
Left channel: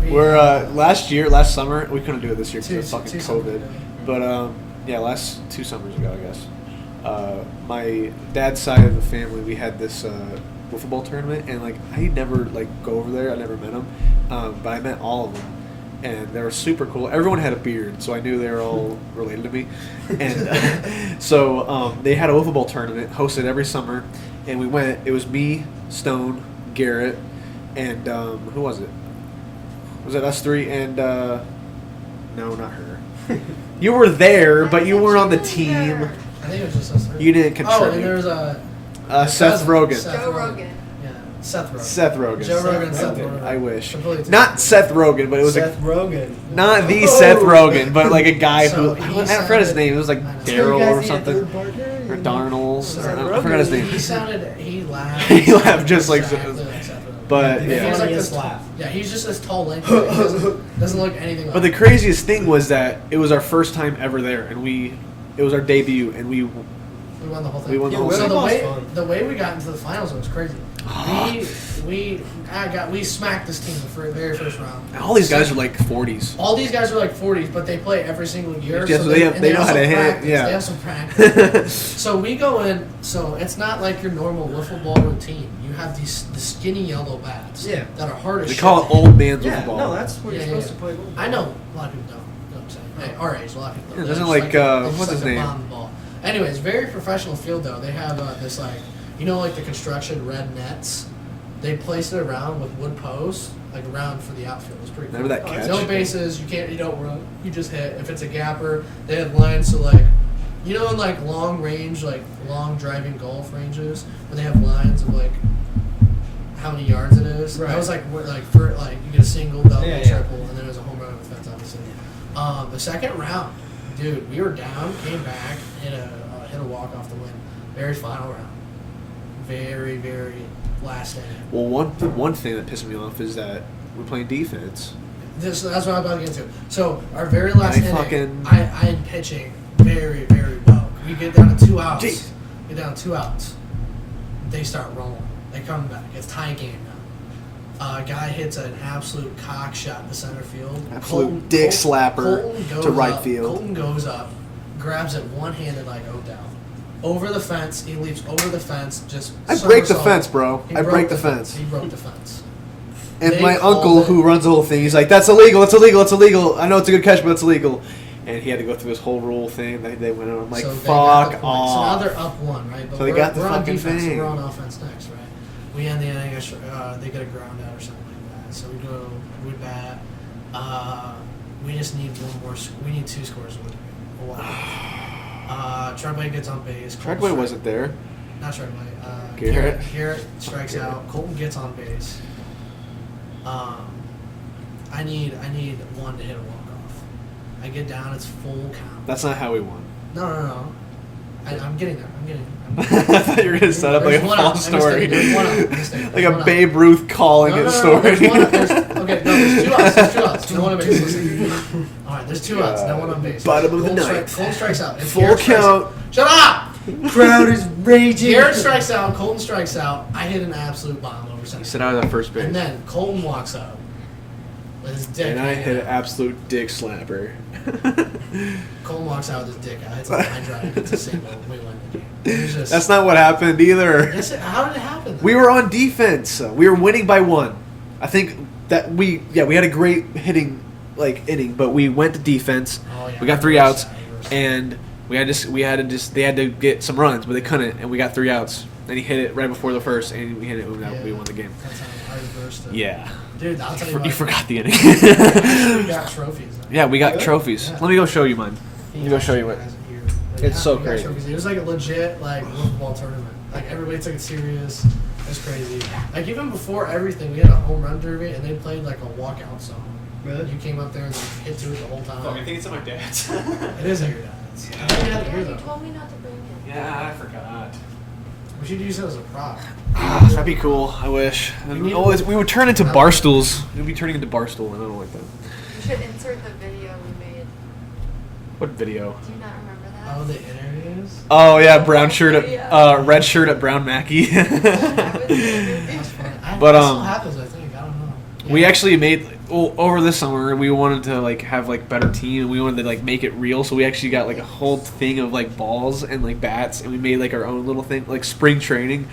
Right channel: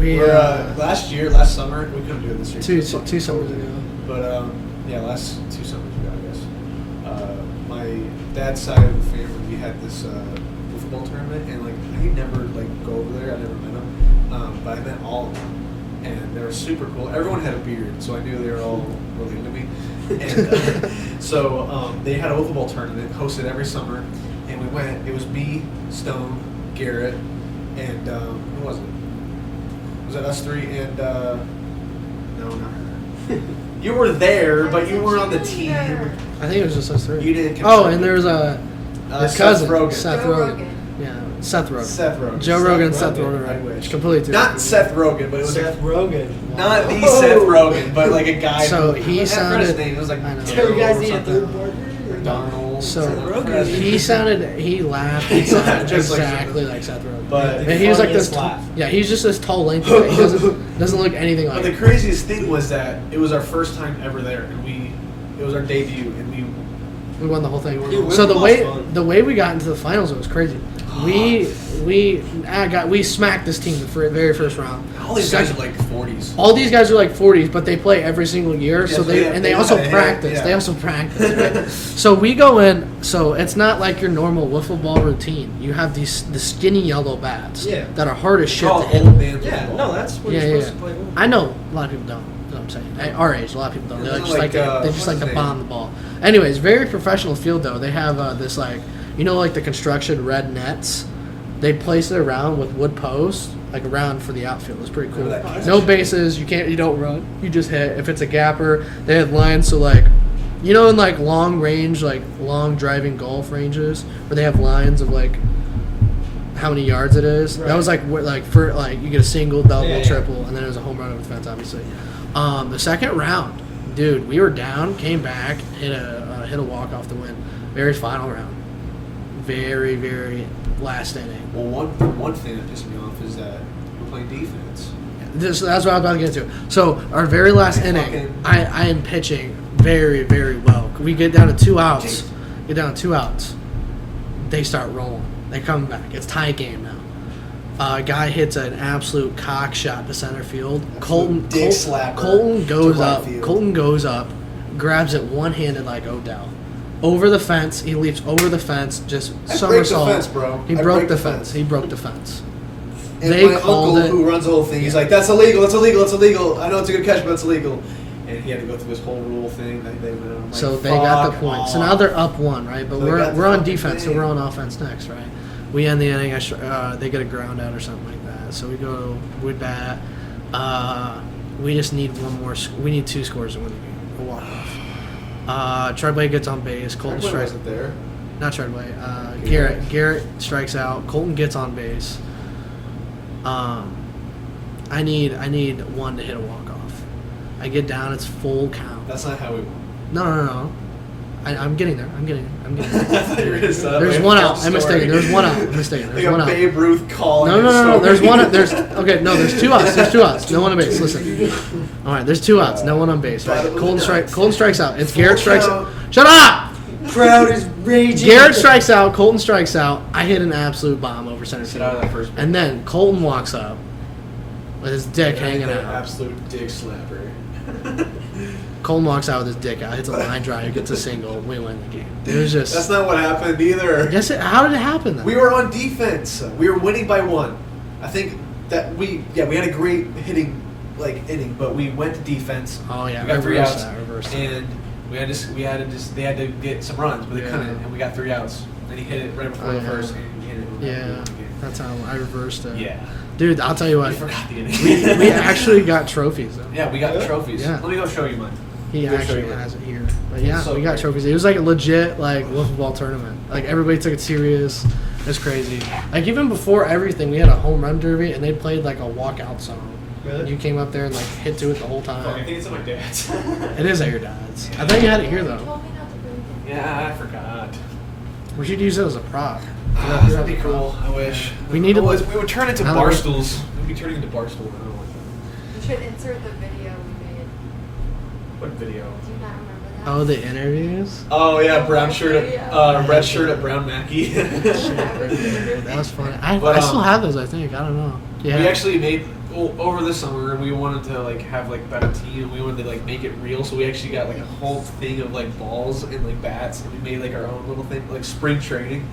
We, We're last summer we couldn't do it this year. two because of fucking summers COVID. ago. But last 2 summers ago, I guess. my dad's side of the family, we had this football tournament, and like I never like go over there. I never met them, but I met all of them, and they were super cool. Everyone had a beard, so I knew they were all related to me. And so they had a wiffle ball tournament hosted every summer, and we went. It was me, Stone, Garrett, and who was it? Was it us three? And no, not her. You were there, but you weren't on the team. I think it was just us three. You didn't contribute. Oh, and there was Seth Rogen. Joe Rogan. Yeah, Seth Rogen. Seth Rogen. Joe Rogan and Seth Seth Rogen. Rogen. I wish. Completely Not Seth Rogen, but it was Seth Rogen. not the Seth Rogen, but like a guy So who he I forgot his sounded- name. It was like I know. Daryl guys or need a something. third partner? Or Darnold. So I forgot his name. he laughed. He laughed just like exactly like Seth Rogen. But And he was like this. laugh. Yeah, he's just this tall, lengthy guy. He doesn't look anything like. But the craziest thing was that it was our first time ever there, and it was our debut, and we We won the whole thing. We won the whole So thing. the way we got into the finals, it was crazy. We smacked this team for the very first round. all these guys are like 40s. All these guys are like 40s, but they play every single year. Yeah, So so they they also gotta hit, practice. yeah. They also practice. So we go in. So it's not like your normal wiffle ball routine. You have the skinny yellow bats. Yeah. That are hard as They shit. call to it hit. old man Yeah, football. no, that's what Yeah, you're yeah, supposed to play with. I know a lot of people don't. You know what I'm saying? At our age, a lot of people don't. Yeah, They doesn't just like, they what's just like his to name? bomb the ball. Anyways, very professional field though. They have this like, you know, like the construction red nets. They place it around with wood posts, like around for the outfield. It's pretty cool. Remember that catch? No bases. You don't run. You just hit. If it's a gapper, they have lines. So like, you know, in like long range, like long driving golf ranges, where they have lines of like how many yards it is. Right. That was like for like you get a single, double, Yeah, yeah. triple, and then it was a home run over the fence, obviously. The second round, dude, we were down, came back, hit a walk off the win. Very final round. Very, very last inning. Well, one thing that pissed me off is that we're playing defense. That's what I'm about to get to. So our very last I inning, fucking- I am pitching very, very well. We get down to 2 outs. Jeez. Get down to 2 outs. They start rolling. They come back. It's tie game now. A guy hits an absolute cock shot to center field. Absolute dick slapper Colton to goes right up. field. Colton goes up, grabs it one-handed like Odell. Over the fence. He leaps over the fence. Just I break the somersault. fence, bro. He I broke break the the fence. fence. He broke the fence. And They my called uncle, it- who runs the whole thing, he's like, "That's illegal. It's illegal. It's illegal. I know it's a good catch, but it's illegal." And he had to go through his whole rule thing. They went on. I'm like, So they fuck got the point. So now off. they're up 1, right? But So they got the we're on fucking defense, so thing. we're on offense next, right? We end the inning. They get a ground out or something like that. So we bat. We just need one more. We need 2 scores to win the game. A walk-off. Treadway gets on base. Colton Treadway strikes. wasn't there. Not Treadway. Garrett. Garrett strikes out. Colton gets on base. I need one to hit a walk off. I get down. It's full count. That's not how we won. No. I'm getting there. I'm getting there. I thought you were gonna set up There's like a one full out. I'm story. mistaken. There's one out. I'm mistaken. Like There's a one out. Babe Ruth calling No. his story. There's one. There's okay. No, there's 2 outs. There's 2 outs. No one on base. Listen. All right. There's 2 outs. No one on base. Bottom of the Colton ninth. strikes out. It's Full Garrett strikes count. out. Shut up. Crowd is raging. Garrett strikes out. Colton strikes out. I hit an absolute bomb over center Sit field. out of that first base. And then Colton walks up with his dick And I hanging hit an out. absolute dick slapper. Colton walks out with his dick out. Hits a line drive. Gets a single. We win the game. It was just. That's not what happened either. Yes. How did it happen? Then? We were on defense. We were winning by 1. I think that we had a great hitting inning, but we went to defense. Oh yeah. We got 3 reverse outs, that, reverse that. and they had to get some runs, but they couldn't, and we got 3 outs. Then he hit it right before the first, and we hit it. Yeah, We won the game. that's how I reversed it. Yeah, Dude, I'll tell you what. you forgot the inning. He actually got trophies. Though. Yeah, we got Yeah. trophies. Yeah. Let me go show you mine. He Let me go show you actually mine. has it here. But It's yeah, so we got great. trophies. It was like a legit wiffle ball tournament. Like everybody took it serious. It's crazy. Like even before everything, we had a home run derby, and they played like a walkout song. Really? You came up there and like hit to it the whole I time. think it's at my dad's. It is at your dad's. I think you had it here You though. told me not to bring it. Yeah, I forgot. We should use it as a prop. That'd be cool. I wish. We need Oh, to- we would turn into I don't- barstools. We'd be turning into barstool. I don't like that. You should insert the video we made. What video? Do you not remember that? Oh, the interviews. Oh yeah, brown shirt Yeah. at red shirt at Brown Mackey. That was the interview. That's funny. I But, still have those. I think. I don't know. Yeah. We actually made over this summer. We wanted to like have like better team, and we wanted to like make it real. So we actually got like a whole thing of like balls and like bats, and we made like our own little thing, like spring training.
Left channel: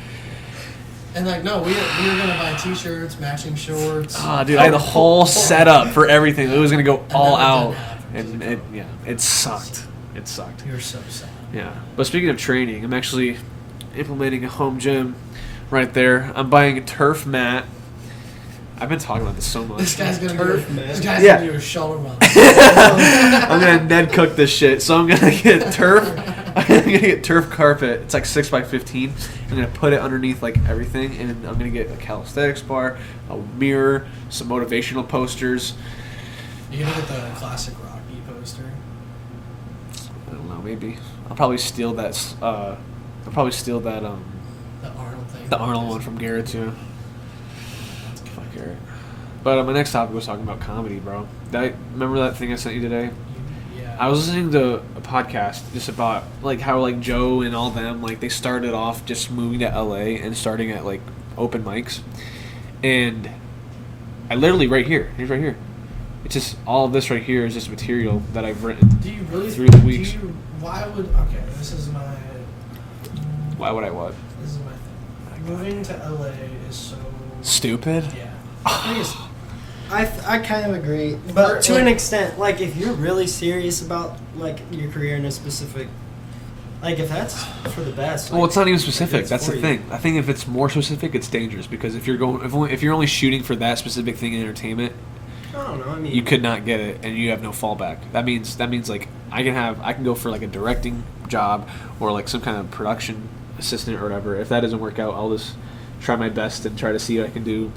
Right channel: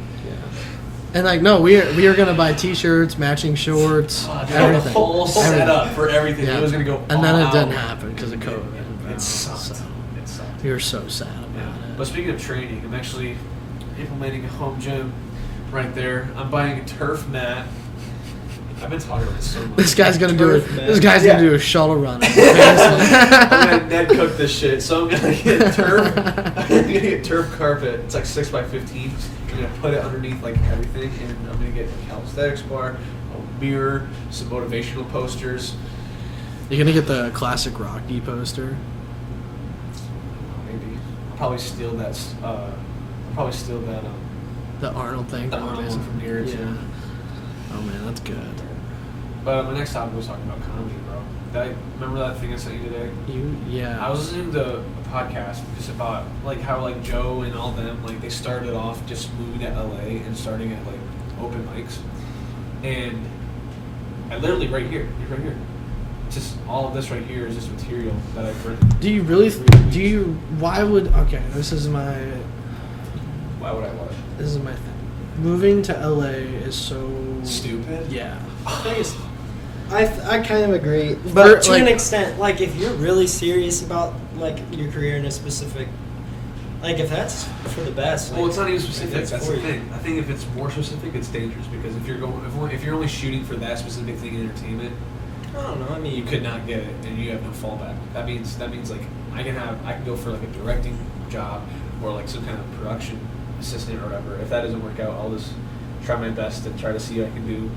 And like, no, we are gonna buy T-shirts, matching shorts. Oh, dude, I had a whole setup for everything. Yeah. It was gonna go And all then it out. didn't happen because of COVID. It sucked. It sucked. We were so sad. Yeah. But speaking of training, I'm actually implementing a home gym right there. I'm buying a turf mat. I've been talking about this so much. This guy's gonna do Turf, man. This guy's Yeah. gonna do a shuttle run. I'm gonna Ned cook this shit. So I'm gonna get turf. I'm gonna get turf carpet. It's like 6x15. I'm gonna put it underneath like everything, and I'm gonna get a calisthenics bar, a mirror, some motivational posters. You're gonna get the classic Rocky poster. I don't know, maybe I'll probably steal that. The Arnold thing. The Arnold one from Garrett's. Yeah. Oh man, that's good. But my next topic was talking about comedy, bro. Remember that thing I sent you today? Yeah. I was listening to a podcast just about like how like Joe and all them like they started off just moving to LA and starting at like open mics, and I literally he's right here. It's just all of this right here is just material that I've written. Do you really? Through Do the weeks. you? Why would? Okay, this is my Why would I what? thing. Moving to LA is so Stupid. Yeah. I kind of agree, but to like- an extent, like if you're really serious about like your career in a specific, like if that's for the best. Well, like, it's not even like, specific. That's for the you. thing. I think if it's more specific, it's dangerous because if you're only shooting for that specific thing in entertainment, I don't know. I mean, you could not get it, and you have no fallback. That means like I can go for like a directing job or like some kind of production assistant or whatever. If that doesn't work out, I'll just try my best and try to see what I can do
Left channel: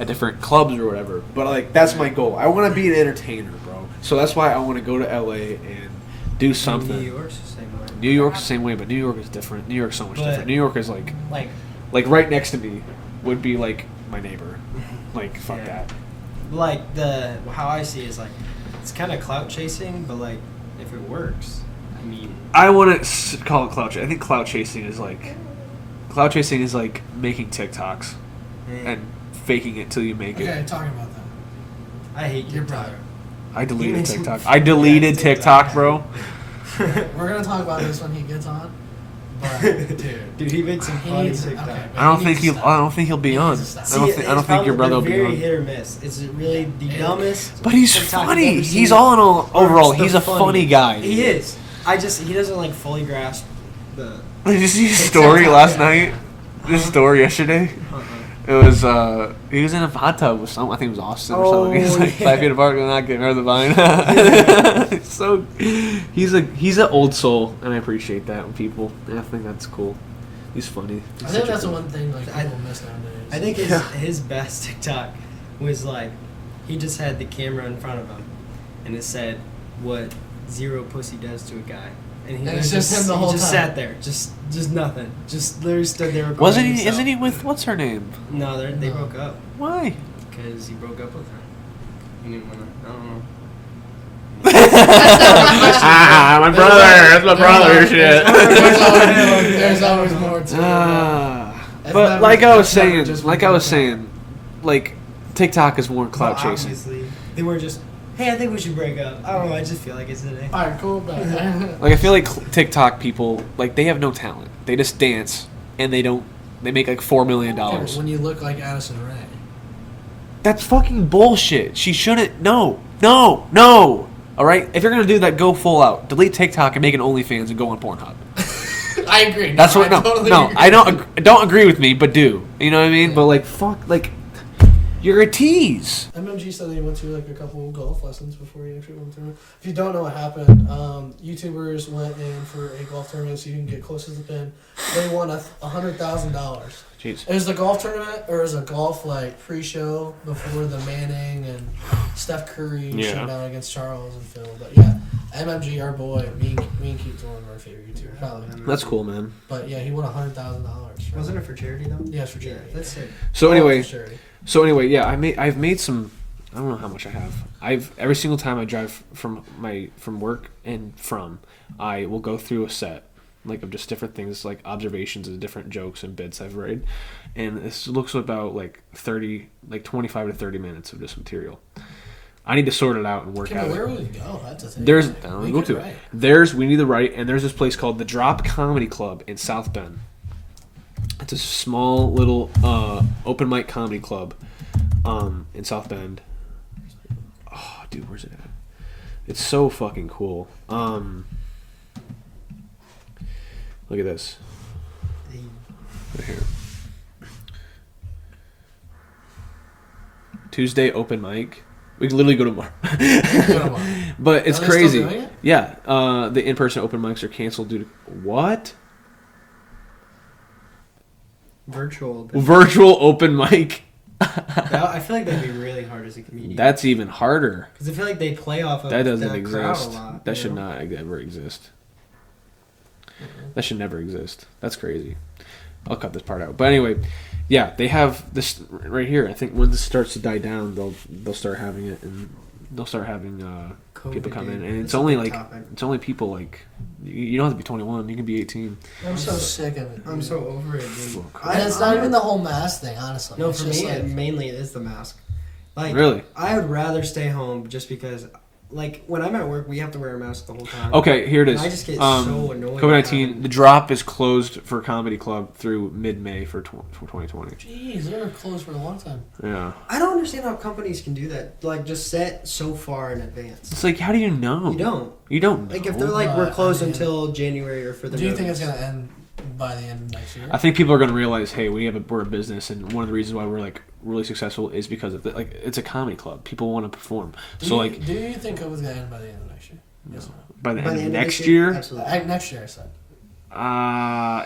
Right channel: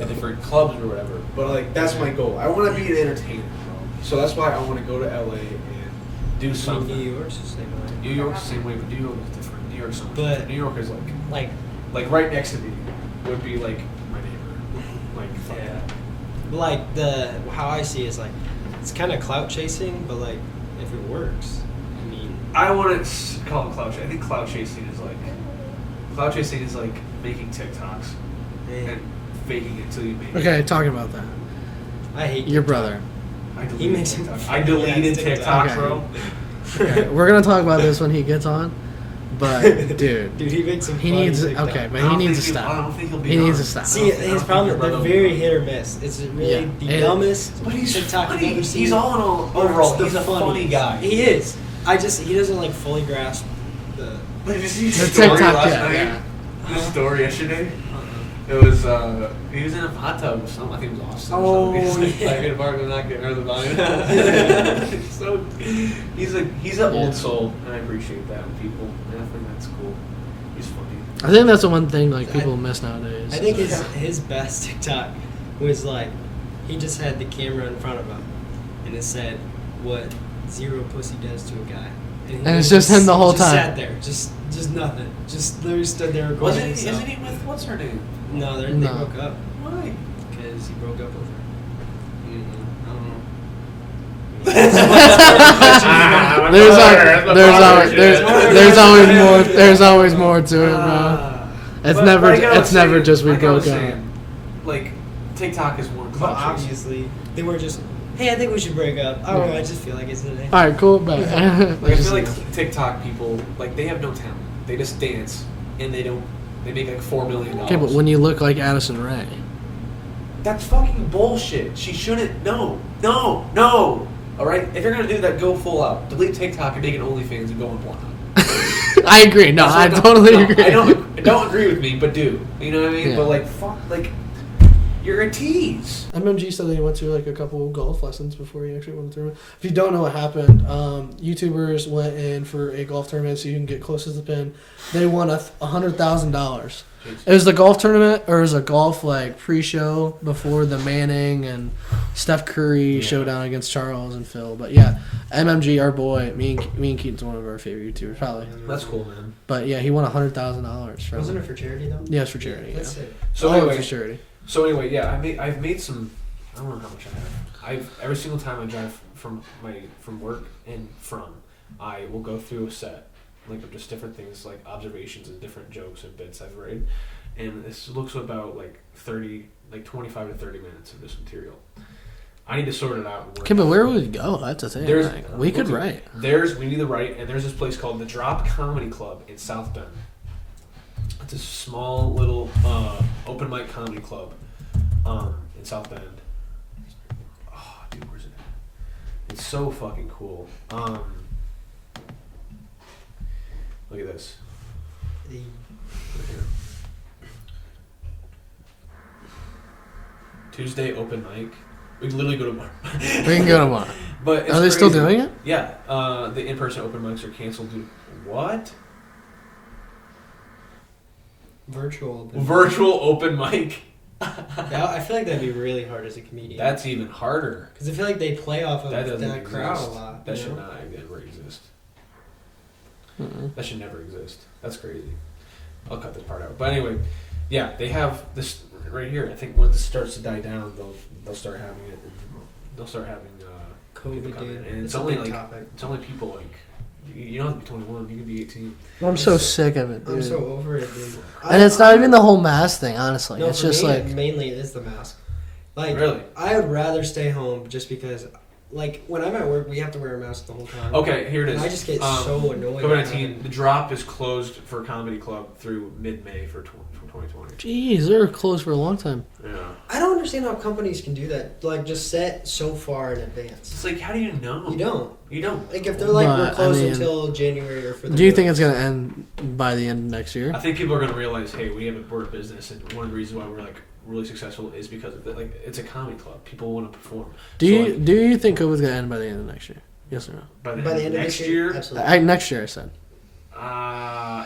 at different clubs or whatever. But like that's my goal. I want to be an entertainer, bro. So that's why I want to go to LA and do something. New York's the same way. New York's the same way, but New York is different. New York's so much But- different. New York is like right next to me would be like my neighbor. Like fuck Yeah. that. Like how I see it is like it's kind of clout chasing, but like if it works, I mean, I want to call it clout chasing. I think clout chasing is like making TikToks and faking it till you make Okay, it. talk about that. I hate Your TikTok. brother. I He deleted makes TikTok. him- I deleted Yeah, TikTok, TikTok. bro. We're gonna talk about this when he gets on, but dude, Dude, he makes some he funny needs to, TikTok. okay, man, I don't he think needs to he'll. stop. I don't think he'll be He on. needs to stop. I See, don't think his your problem, brother will they're be very on. hit or miss. It's really Yeah. the And- dumbest. But he's TikTok funny. I've ever He's seen. all in all. Or Overall, it's the he's a funny guy. He is. He doesn't like fully grasp the. Did you see his story TikTok, last yeah, night? yeah. His story yesterday. It was he was in a hot tub with someone. I think it was Austin or something. He's like yeah. 5 feet apart, we're not getting rid of the vine. So he's an old soul, and I appreciate that in people. And I think that's cool. He's funny. I think that's the one thing like I- people miss nowadays. I think his best TikTok was like, he just had the camera in front of him, and it said, "What zero pussy does to a guy." He And was it's just him the whole he just time. sat there, just nothing, just literally stood there. Wasn't recording he? himself. Isn't he with what's her name? No, they No. broke up Why? because he broke up with her. He didn't wanna- I don't know. My There's always more to it. It's But never, like I was it's never saying, just like I was broken. saying, like TikTok is more Well, clout chasing. obviously, they were just, hey, I think we should break up. I don't know. I just feel like it's today. All right, cool. But Like I feel like TikTok people, like they have no talent. They just dance and they make like $4 million. okay, but when you look like Addison Rae, That's fucking bullshit. She shouldn't. No. All right. If you're gonna do that, go full out. Delete TikTok and make an OnlyFans and go on Pornhub. I agree. No, I totally agree. I don't agree with me, but do. You know what I mean? Yeah. But like, fuck, like, you're a tease. MMG said that he went to like a couple golf lessons before he actually went to the tournament. If you don't know what happened, YouTubers went in for a golf tournament so you can get closest to the pin. They won $100,000. Jeez. It was the golf tournament, or it was a golf like pre-show before the Manning and Steph Curry Yeah. showdown against Charles and Phil. But yeah, MMG, our boy, me and Keaton's one of our favorite YouTubers, probably. That's cool, man. But yeah, he won $100,000. Wasn't it for charity though? Yeah, it's for charity. That's yeah. it. So All anyway, for charity. yeah, I've made some. I don't know how much I have. Every single time I drive from work and I will go through a set like of just different things, like observations and different jokes and bits I've read, and this looks about like 25 to 30 minutes of just material. I need to sort it out and work. Okay, but out. where would we go? That's the thing. There's Like, we could write. We need to write, and there's this place called the Drop Comedy Club in South Bend. It's a small little open mic comedy club in South Bend. Oh, dude, where's it at? It's so fucking cool. Look at this. Right here. Tuesday open mic. We can literally go tomorrow. But it's Are they crazy. still doing it? Yeah. The in-person open mics are canceled due to what? Virtual Open mic. I feel like that'd be really hard as a comedian. That's even harder. Because I feel like they play off of That doesn't that crowd a exist. lot. That you should know? not ever exist. That should never exist. That's crazy. I'll cut this part out. But anyway, yeah, they have this right here. I think when this starts to die down, they'll start having it, and they'll start having people come in, and it's only like it's only people like you don't have to be 21. You can be 18. I'm so sick of it. I'm dude. so over it, dude. And it's not even the whole mask thing, honestly. No, it's for just me, like mainly it is the mask. Like, Really? I would rather stay home just because, like, when I'm at work, we have to wear a mask the whole time. Okay, here it is. And I just get so annoyed. COVID-19. The Drop is closed for Comedy Club through mid-May for 2020. Jeez, they were closed for a long time. Yeah. I don't understand how companies can do that. Like, just set so far in advance. It's like, how do you know? You don't. You don't. Like, if know. they're like, But, we're closed I mean, until January or for the Do you think notice. it's gonna end by the end of next year? I think people are going to realize, hey, we're a business, and one of the reasons why we're like really successful is because of it's a comedy club. People want to perform. Do so you do you think COVID's gonna end by the end of next year? Yes or no? by the By end the of end next of year, Absolutely. Next year, I said.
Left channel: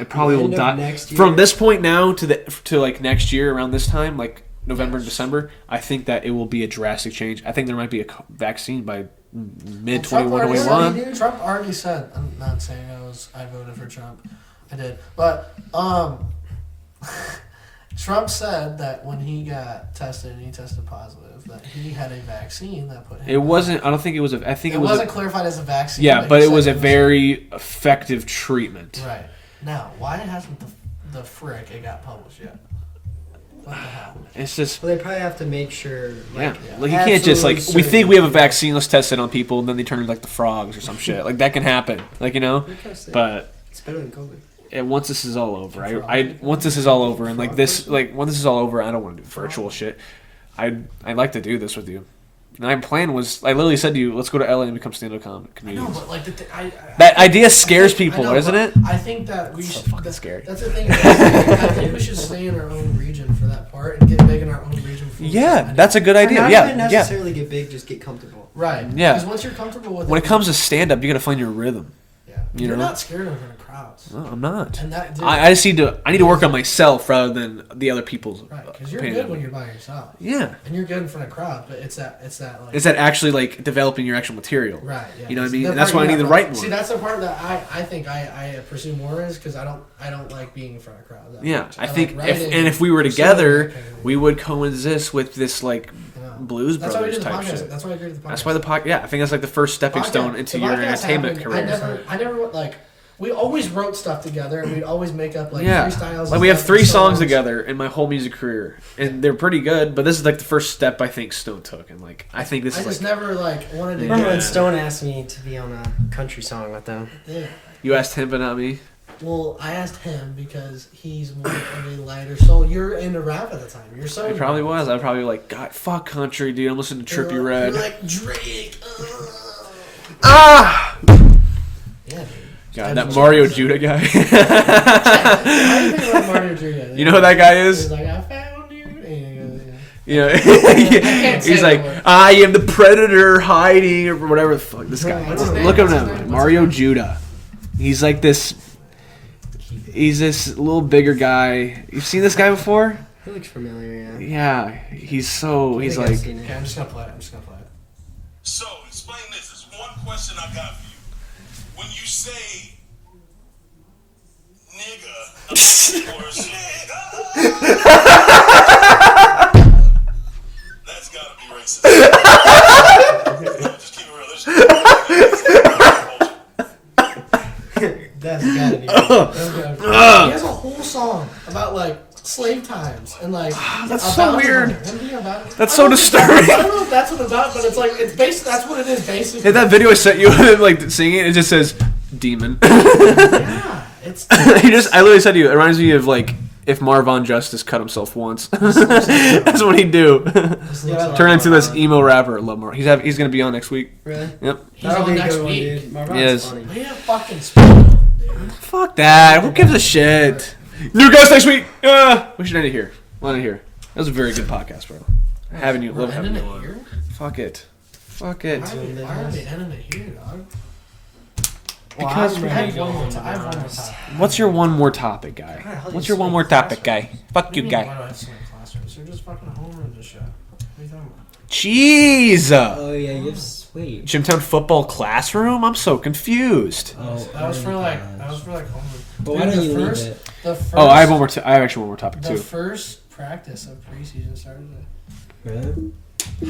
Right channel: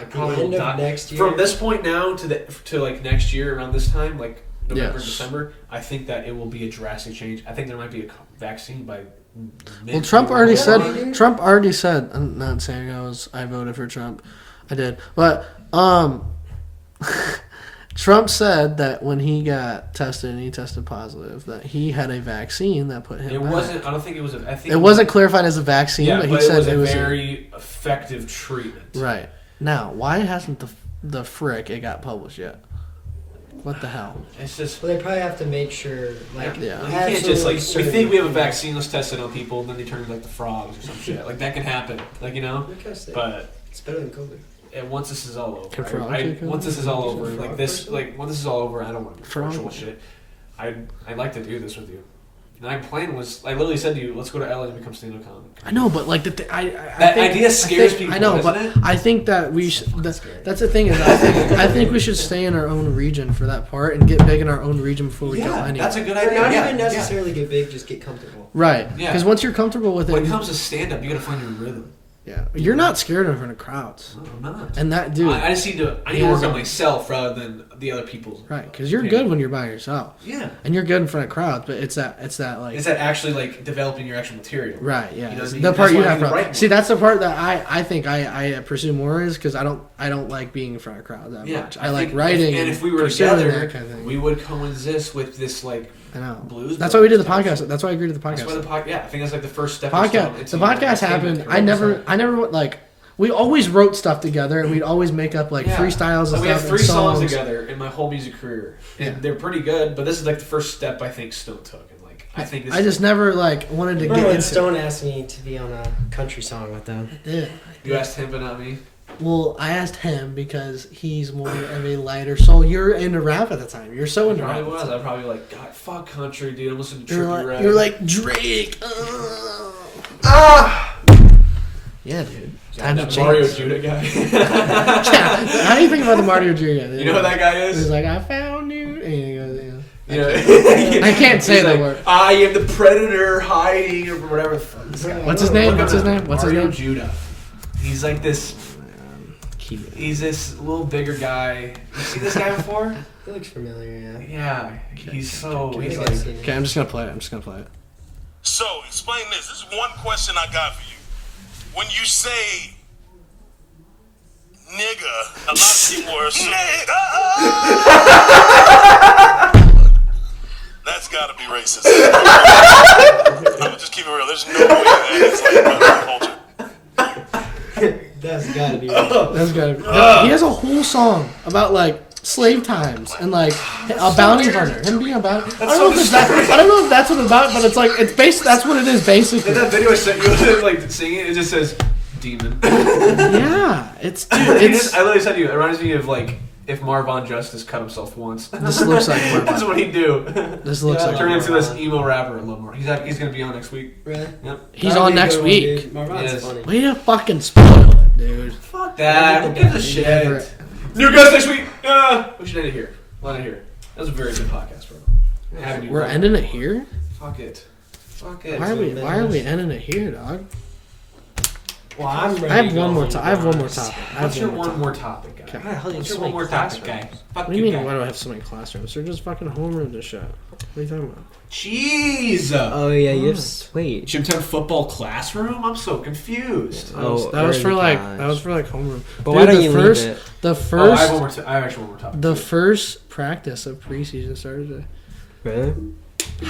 it probably The will end of die. next year? From this point now to like next year around this time, like November, Yes. December, I think that it will be a drastic change. I think there might be a vaccine by mid. Well, Trump already What? said. Trump already said. I'm not saying I voted for Trump. I did, but Trump said that when he got tested and he tested positive, that he had a vaccine that put him. It back. wasn't. I don't think it was. I think It wasn't clarified as a vaccine. Yeah, he but it said was a very effective treatment. right. Now, why hasn't the frick it got published yet? What the hell? It's just. Well, they probably have to make sure, like, Like you can't just like absolutely we think we have a certain. vaccine, let's test it on people, and then they turn into like the frogs or some shit. Like that can happen. Like What can I say? but It's better than COVID. and once this is all over, Can I frogs once this is all over, and like this, like once this is all over, I don't want to do virtual Frogs. shit. I'd like to do this with you. My plan was, I literally said to you, let's go to LA and become stand-up comic. I know, but like That idea scares people, I know, doesn't but it? I think that we should. fucking scary. That's the thing. Is I think we should stay in our own region for that part and get big in our own region before we go Yeah, anywhere. that's a good Or idea. not Yeah, even yeah. necessarily get big, just get comfortable. right. Yeah. Because once you're comfortable with When it, it comes to stand-up, you gotta find your rhythm. yeah, you you're know? not scared in front of crowds. No, I'm not. And that dude, I just need to work Yeah. on myself rather than the other people's. right? Because you're opinion. good when you're by yourself, Yeah. and you're good in front of crowds. But it's that like Is that actually like developing your actual material? right? Yeah, You know what I It's mean? the That's part why you I need have the to- right See, one. that's the part that I think I pursue more is because I don't like being in front of crowds. That Yeah, much. I like think writing. if we were pursuing together, that kind of thing. we would coexist with this like I know. blues. That's why we did the Brothers type podcast. shit. That's why I agreed to the podcast. That's why the podcast. Yeah, I think that's like the first stepping stone into the your podcast entertainment happened. career. I never like. We always wrote stuff together, and we'd always make up like Yeah. freestyles. Like and we have stuff and 3 songs together in my whole music career, and Yeah. they're pretty good. But this is like the first step I think Stone took, and like I think this. I just never like wanted to Remember get when into Stone asked me to be on a country song with them? Yeah. You asked him, but not me. Well, I asked him because he's more of a lighter soul. You're into rap at the time. You're so I into probably rap. was. I'm probably like, God, fuck country, dude. I'm listening to You're Trippie like, Red. you're like Drake. ah. Yeah, dude. God, Times that have Mario changed. Judah guy. How do you think about the Mario Judah? You know who that guy He's is? like, I found you. And he goes, Yeah. I can't say He's the like, word. I am the predator hiding, or whatever the fuck this guy. What's his name? Look What's at his him. name? What's his Mario name? Judah. He's like this. He's this little bigger guy. You've seen this guy before? He looks familiar, yeah. Yeah. He's so. I He's think I've like. seen it. Okay, I'm just gonna play it. So, explain this. This is one question I got for you. When you say nigga, a lot of people are assuming that's gotta be racist. I'm gonna just keep it real. There's no way that it's like culture. That's gotta be. That's good. He has a whole song about like slave times and like a bounty hunter. Him being a bounty. That's so disturbing. I don't know if that's what it's about, but it's like it's based. That's what it is basically. In that video I sent you, like singing, it just says demon. Yeah, it's. I literally said to you, it reminds me of like if Marvon Justice cut himself once. This looks like That's what he'd do. This looks like Turn into this emo rapper a little more. He's gonna be on next week. Really? Yep. he's on next week. Yes. Funny. Way to fucking spoil it, dude. Fuck that. Who gives a shit? New guys next week. We should end it here. We'll end it here. That was a very good podcast, bro. Having you. We're ending it here. Fuck it. Fuck it. Why are we ending it here, dog? Well, Because I'm I ready have to one go more home, topic. to I have be one more honest. topic. What's your one more topic, guy? God, how do you What's your so one many more topic, classrooms? guy? Fuck What do you you, mean? Why guy. do I have so many classrooms? They're just fucking homerooms and shit. What are you talking about? Jeez. Oh yeah, you have sweet. Gymtown football classroom? I'm so confused. That was for like homeroom. But why don't you leave it? The first. Oh, I have one more. I have actually one more topic The too. first practice of preseason started today. Really?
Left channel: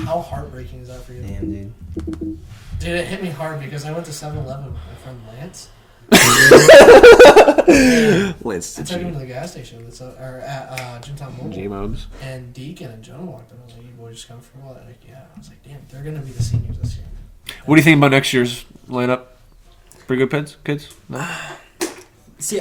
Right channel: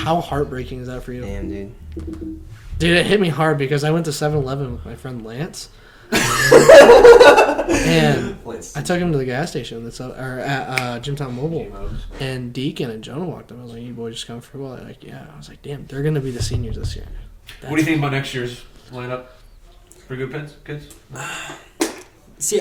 How heartbreaking is that for you? Damn, dude. Dude, it hit me hard because I went to 7-Eleven with my friend Lance. And I took him to the gas station that's at Gymtown Mobile. J-Mobs. And Deacon and Jonah walked up. I was like, "You boys just come for football?" They're like, "Yeah." I was like, "Damn, they're gonna be the seniors this year." What do you think about next year's lineup? Pretty good kids? No? See,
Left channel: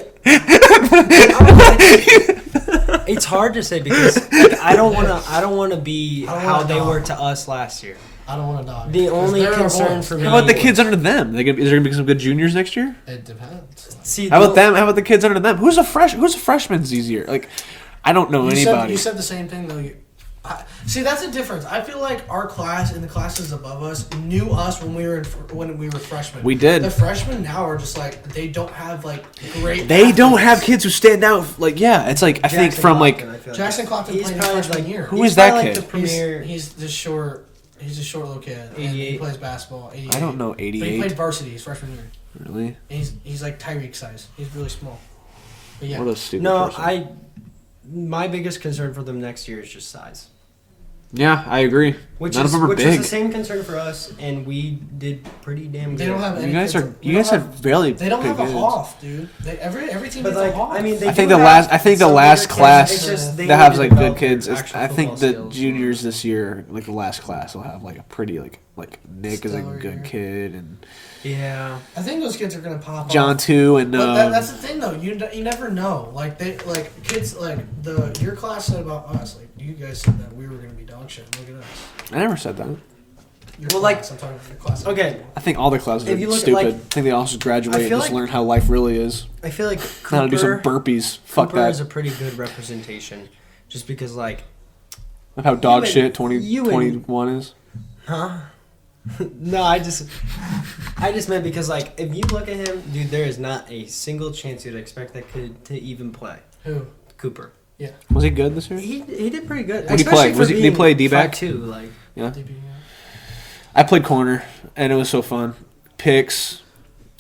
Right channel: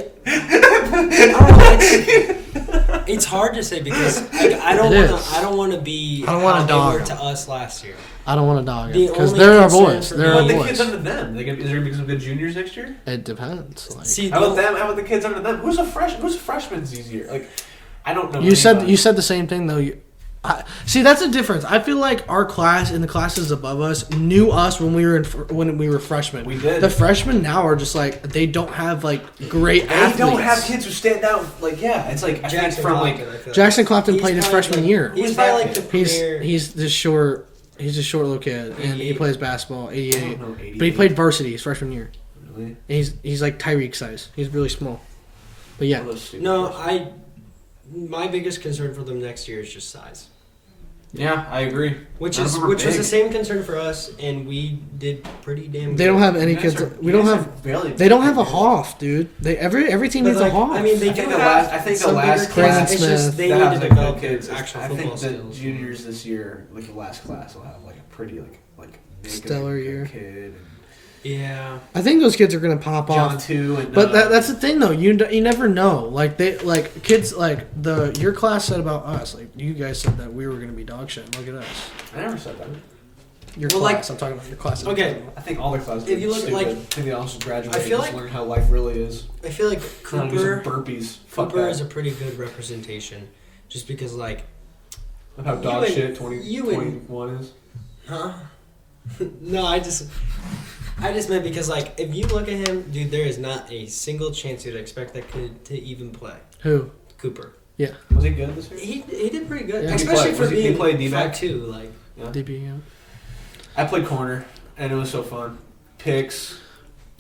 it's hard to say because like, I don't want to be I don't how wanna they dog. were to us last year. I don't want to dog. The it, 'cause only they're our concern boys. for They're me- How our about the boys. kids under them? Is there gonna be some good juniors next year? It depends. Like, See, How about them? How about the kids under them? Who's a freshman this year? Like, I don't know you anybody. said the same thing though. See, that's the difference. I feel like our class and the classes above us knew us when we were freshmen. We did. The freshmen now are just like they don't have like great. They don't athletes. have kids who stand out. Like, yeah, it's like I think Jackson from like Compton, I feel like. Jackson Clopton He's played his probably, freshman like- year. Who he's is that probably, like, kid? the premier. He's the short. He's a short little kid, and he 88. plays basketball. 88. I don't know 88. But he played varsity his freshman year. Really? And he's like Tyreek size. He's really small. But yeah, What a stupid No, person. my biggest concern for them next year is just size. Yeah, I agree. Which None is of them are which big. was the same concern for us, and we did pretty damn good. they don't have any You guys kids. are. we You don't guys have. have barely. They don't big have a kids. Hoff, dude. Every team But needs like, a Hoff. I mean, they I think do the have last. I think the some last bigger kids. class It's just they that has need to like good develop their kids. actual I think the football skills. juniors this year, like the last class, will have like a pretty like Nick is a Stellar good year. kid and Yeah. I think those kids are gonna pop John off. too and. But that's the thing, though. You never know. Like kids like your class said about us. Like you guys said that we were gonna be dog shit. Look at us. I never said that. Your Well, class. I'm talking about your class. Okay. I think all the classes If are you look at, stupid. like- I think they all should graduate I and feel just like- learn how life really is. I feel like How to do some Cooper, burpees. Fuck Cooper is a that. pretty good representation, just because like, Of how dog and- shit you and- 2021 is. huh? No, I just meant because like if you look at him, dude, there is not a single chance you'd expect that kid to even play. Who? Cooper. Was he good this year? He did pretty good. Who'd he play? Was he play D-back? too? Like Yeah. DB, yeah. I played corner and it was so fun. Picks,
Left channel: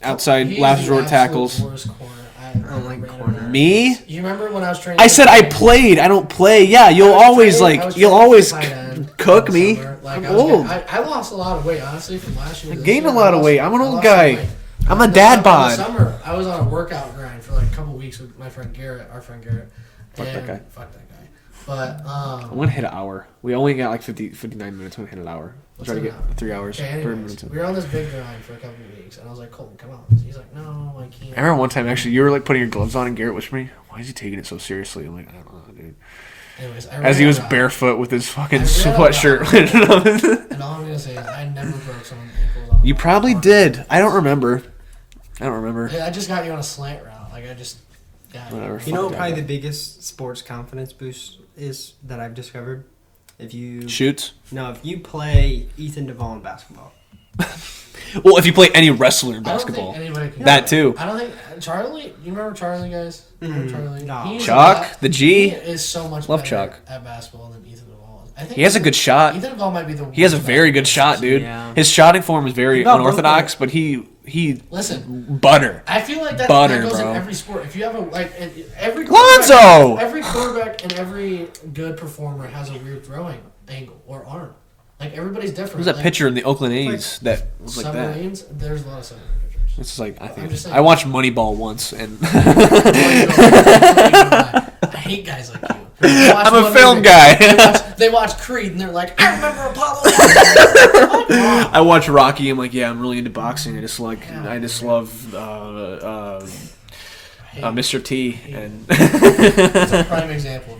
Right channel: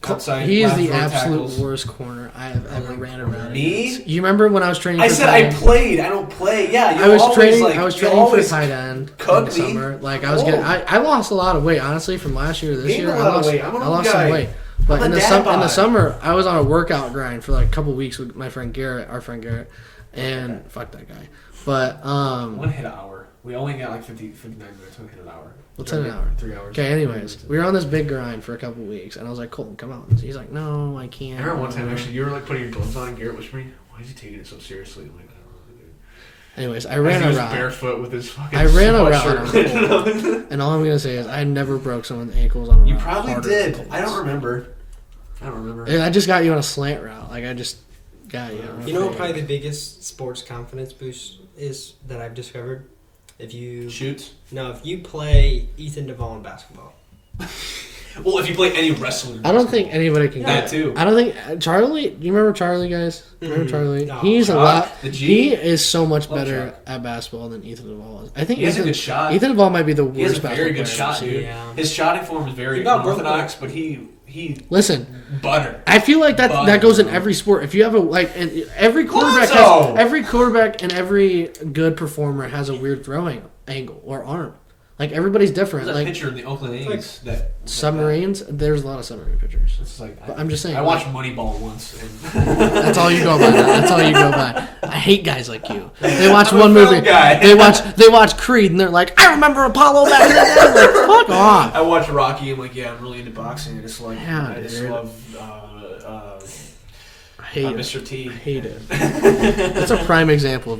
outside He is last the row absolute tackles. worst corner I ever ran around. Me? You remember when I was training? I for said I tight end? played. I don't play. Yeah, I you'll was always training- I was like you'll training for always tight end cook in me. summer. Like I'm I was old. I lost a lot of weight honestly from last year. To this Gained year. a lot I of lost- weight. I'm an I old lost some guy. weight. I'm But a in the dad sum- In bod. the summer, I was on a workout grind for like a couple weeks with my friend Garrett, our friend Garrett, and fuck that guy. But I'm gonna hit an hour. We only got like 59 minutes. I'm gonna hit an hour. What's Try to an get hour? 3 hours. okay, 30 anyways, minutes. we were on this big grind for a couple weeks, and I was like, Colton, come on. He's like, no, I can't. I remember one time actually, you were like putting your gloves on, and Garrett whispered me, "Why is he taking it so seriously?" I'm like, I don't know, dude. Anyways, I ran As he a was route, barefoot with his fucking I ran a sweatshirt. and all I'm gonna say is I never broke someone's ankles on a You route probably harder. did. I don't remember. And I just got you on a slant route. Like I just got you. Whatever. you know what probably the biggest sports confidence boost is that I've discovered? If you Shoots. if you play Ethan Duvall in basketball. Well, if you play any wrestler in I don't basketball. think anybody can. That too. I don't think Charlie. Do you remember Charlie, guys? Remember Mhm. Charlie? No. He's a Chuck, lot- the G. He is so much Love better Chuck. at basketball than Ethan Duvall is. I think He has a Ethan- good shot. Ethan Duvall might be the. He has a worst very good basketball shot, player. dude. Yeah. His shotting form is very No, unorthodox, bro. but he Listen, butter. I feel like that Butter, that goes bro. in every sport. If you have every Lonzo! quarterback and every good performer has a weird throwing angle or arm. Like everybody's different. There's that like, pitcher in the Oakland A's that was submarines. There's a lot of submarine pitchers. It's like I'm just saying. I watched Moneyball once, and That's all you go by. That's all you go by. I hate guys like you. They watch I'm one a film movie. guy. They watch Creed and they're like, I remember Apollo. Fuck off. I watch Rocky. I'm like, yeah, I'm really into boxing. I just love Hate it. Mr. T. Hate it. That's a prime example of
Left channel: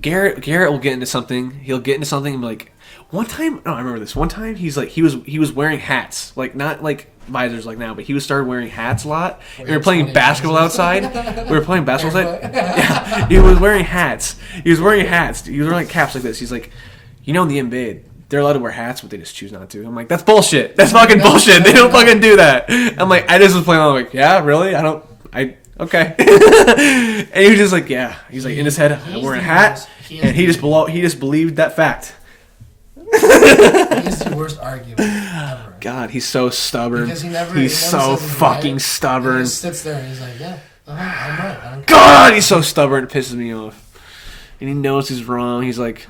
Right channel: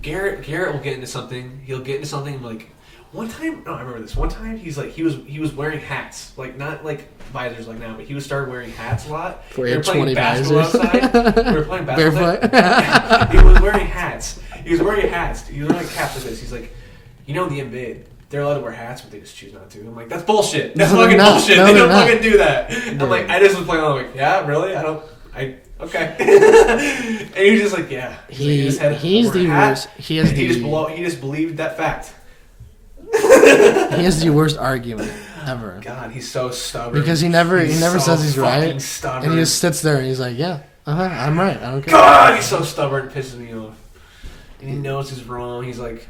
Garrett. Garrett will get into something. He'll get into something and be like, one time, I remember this. One time, he was wearing hats, like not like visors like now, but he started wearing hats a lot. We were playing basketball outside. We were playing basketball outside. Yeah, he was wearing hats. He was wearing like caps like this. He's like, in the NBA, they're allowed to wear hats, but they just choose not to. I'm like, that's bullshit. That's fucking bullshit. They don't fucking do that. I'm like, I just was playing. I'm like, yeah, really? Okay. And he was just like, yeah. He's like in his head, I'm wearing a hat. He just believed that fact. He has the worst argument ever. God, he's so stubborn. Because he never so says he's fucking right. stubborn. And he just sits there and he's like, yeah, I'm right. I don't care. God, he's so stubborn. It pisses me off. And he knows he's wrong. He's like,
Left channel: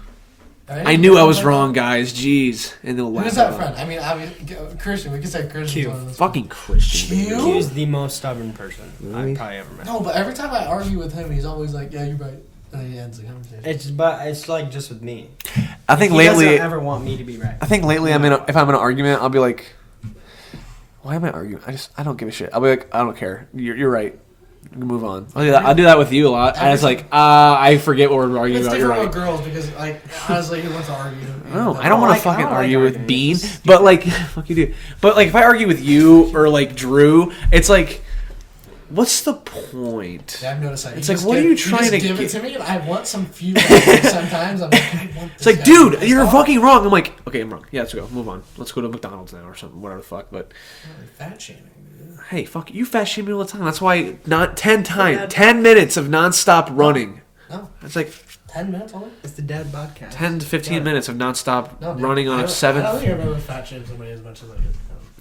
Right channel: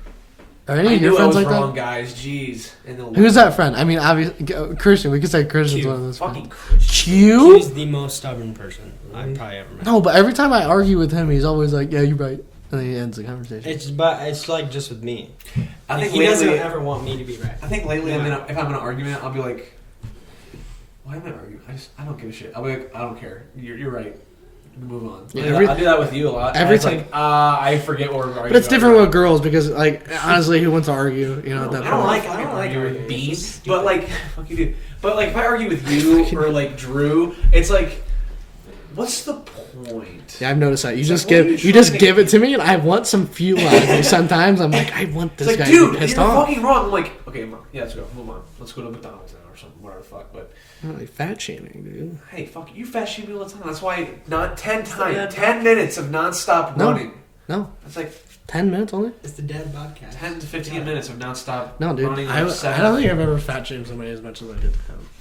I knew I was wrong, guys. Jeez. And who's that friend? I mean, obviously, Christian. We could say Christian's one of those. Fucking Christian. Q? He's the most stubborn person I've probably ever met. No, but every time I argue with him, he's always like, yeah, you're right. And then he ends the conversation. It's like just with me. I think he lately, doesn't ever want me to be right. if I'm in an argument, I'll be like, why am I arguing? I don't give a shit. I'll be like, I don't care. You're right. Move on. I'll do that with you a lot. I was like, I forget what we're arguing But it's about. different with girls because, like, honestly, who wants to argue? No, I don't want to fucking argue with Bean. But like, fuck you do. But like, if I argue with you or like Drew, it's like, what's the point? Yeah, I've noticed that. You It's just like, what are give you you just trying to give it get- to me, and I want some fuel. Like, sometimes I'm like, I want this. It's like, guy to be dude, pissed you're off. fucking wrong. I'm like, okay, I'm wrong. Yeah, let's go. Move on. Let's go to McDonald's now or something. Whatever the fuck. But Like fat shaming, dude. hey, fuck you, fat shame me all the time. That's why not 10 minutes of nonstop running. No, It's like 10 minutes only. It's the dad podcast. 10 to 15 minutes of nonstop No, dude. running I on don't 7. think I've ever fat shamed somebody as much as I did.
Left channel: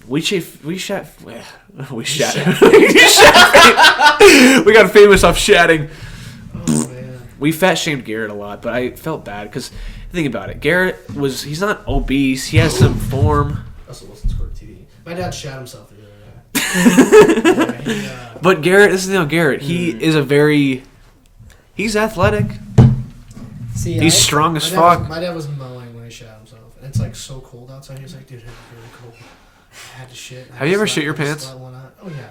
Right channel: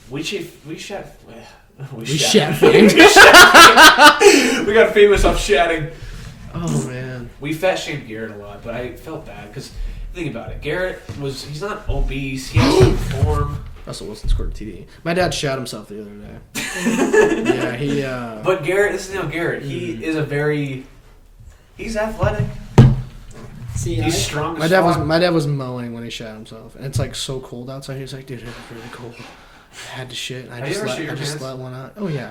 We shat. shat. We got famous off shatting. Oh man. We fat shamed Garrett a lot, but I felt bad because think about it. He's not obese. He has some form. Russell Wilson scored a TD. My dad shot himself the other day. Yeah, But Garrett, this is Garrett. He is he's athletic. See, He's strong as my fuck. dad was mowing when he shot himself, and it's like so cold outside. He was like, "Dude, it's really cold. I had to shit." Have you ever shit your pants? Let one out. Oh yeah.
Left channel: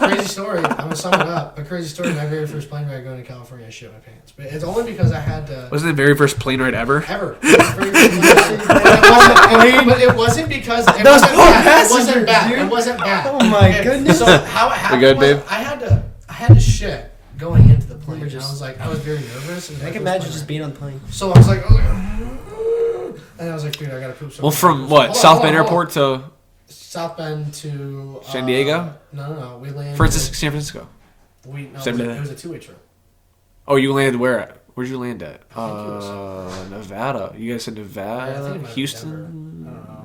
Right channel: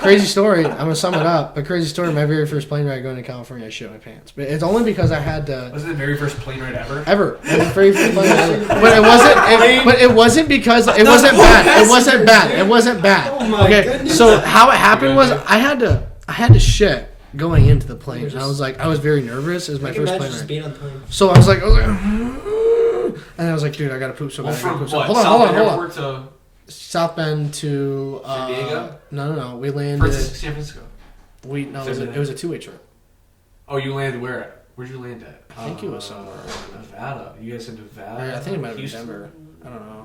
Crazy story. I'm gonna sum it up. But crazy story. My very first plane ride going to California, I shit my pants. But it's only because I had to. Was it the very first plane ride ever? Ever. It was very first plane ride. But it wasn't because it wasn't bad. It wasn't bad. It wasn't bad. Oh my goodness. So how it happened good, was Dave? I had to shit going into the plane. And I was very nervous. It was my I can first imagine plane just ride. being on the plane. So I was like, and I was like, dude, I gotta poop so Well, bad. from So- what? hold on, South hold on, Bend hold on. Airport to South Bend to San Diego? No. We landed. San Francisco. It was a two-way trip. Oh, you landed where at? Where'd you land at? I think it was somewhere. Nevada. You guys said Nevada? I think it might be Houston? Denver. I don't know.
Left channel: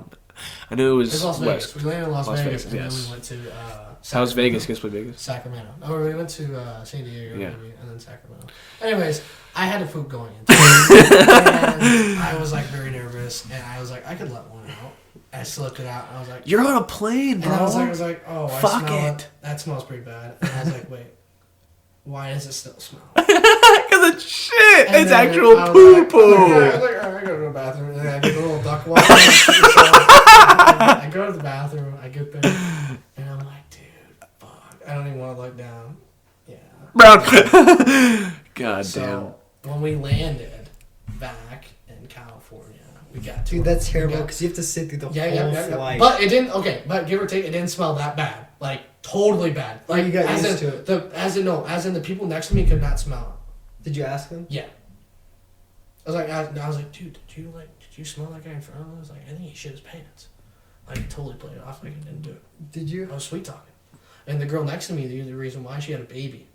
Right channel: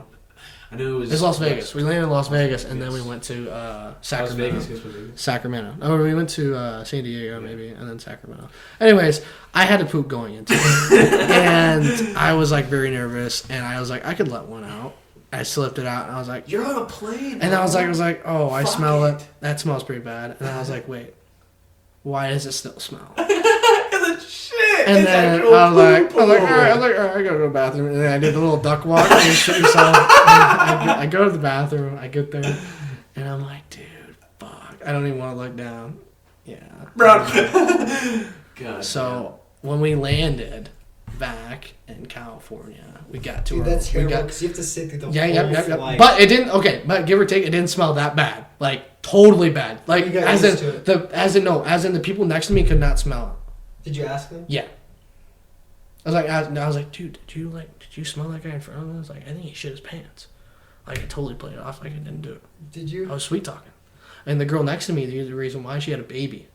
I knew it was It's Las Vegas. west. We landed in Las Vegas, and yes. then we went to How's Sacramento. Vegas? Guess what Vegas? Sacramento. Oh, we went to San Diego Yeah. maybe, and then Sacramento. Anyways, I had to poop going into it, and I was like very nervous, and I was like, I could let one out. I slipped it out, and I was like, You're on a plane, and I was like, oh, I Fuck smell it. it. That smells pretty bad. And I was like, wait, why does it still smell? Because it's shit. And It's then actual I was like, poo. all right, I go to the bathroom, and then I did a little duck walk. I go to the bathroom, I get there, and I'm like, dude, fuck, I don't even want to look down. Yeah. Bro. God So when we landed back in California, we got to Dude, that's we terrible got- because you have to sit through the yeah, whole flight. But it didn't. Okay, but give or take, it didn't smell that bad. Like totally bad. Like You got as used in to it. as in the people next to me could not smell it. Did you ask him? Yeah. I was like, dude, did you smell that guy in front of me? I was like, I think he shit his pants. Like I totally played it off like I didn't do it. Did you? I was sweet talking, and the girl next to me, the reason why she had a baby.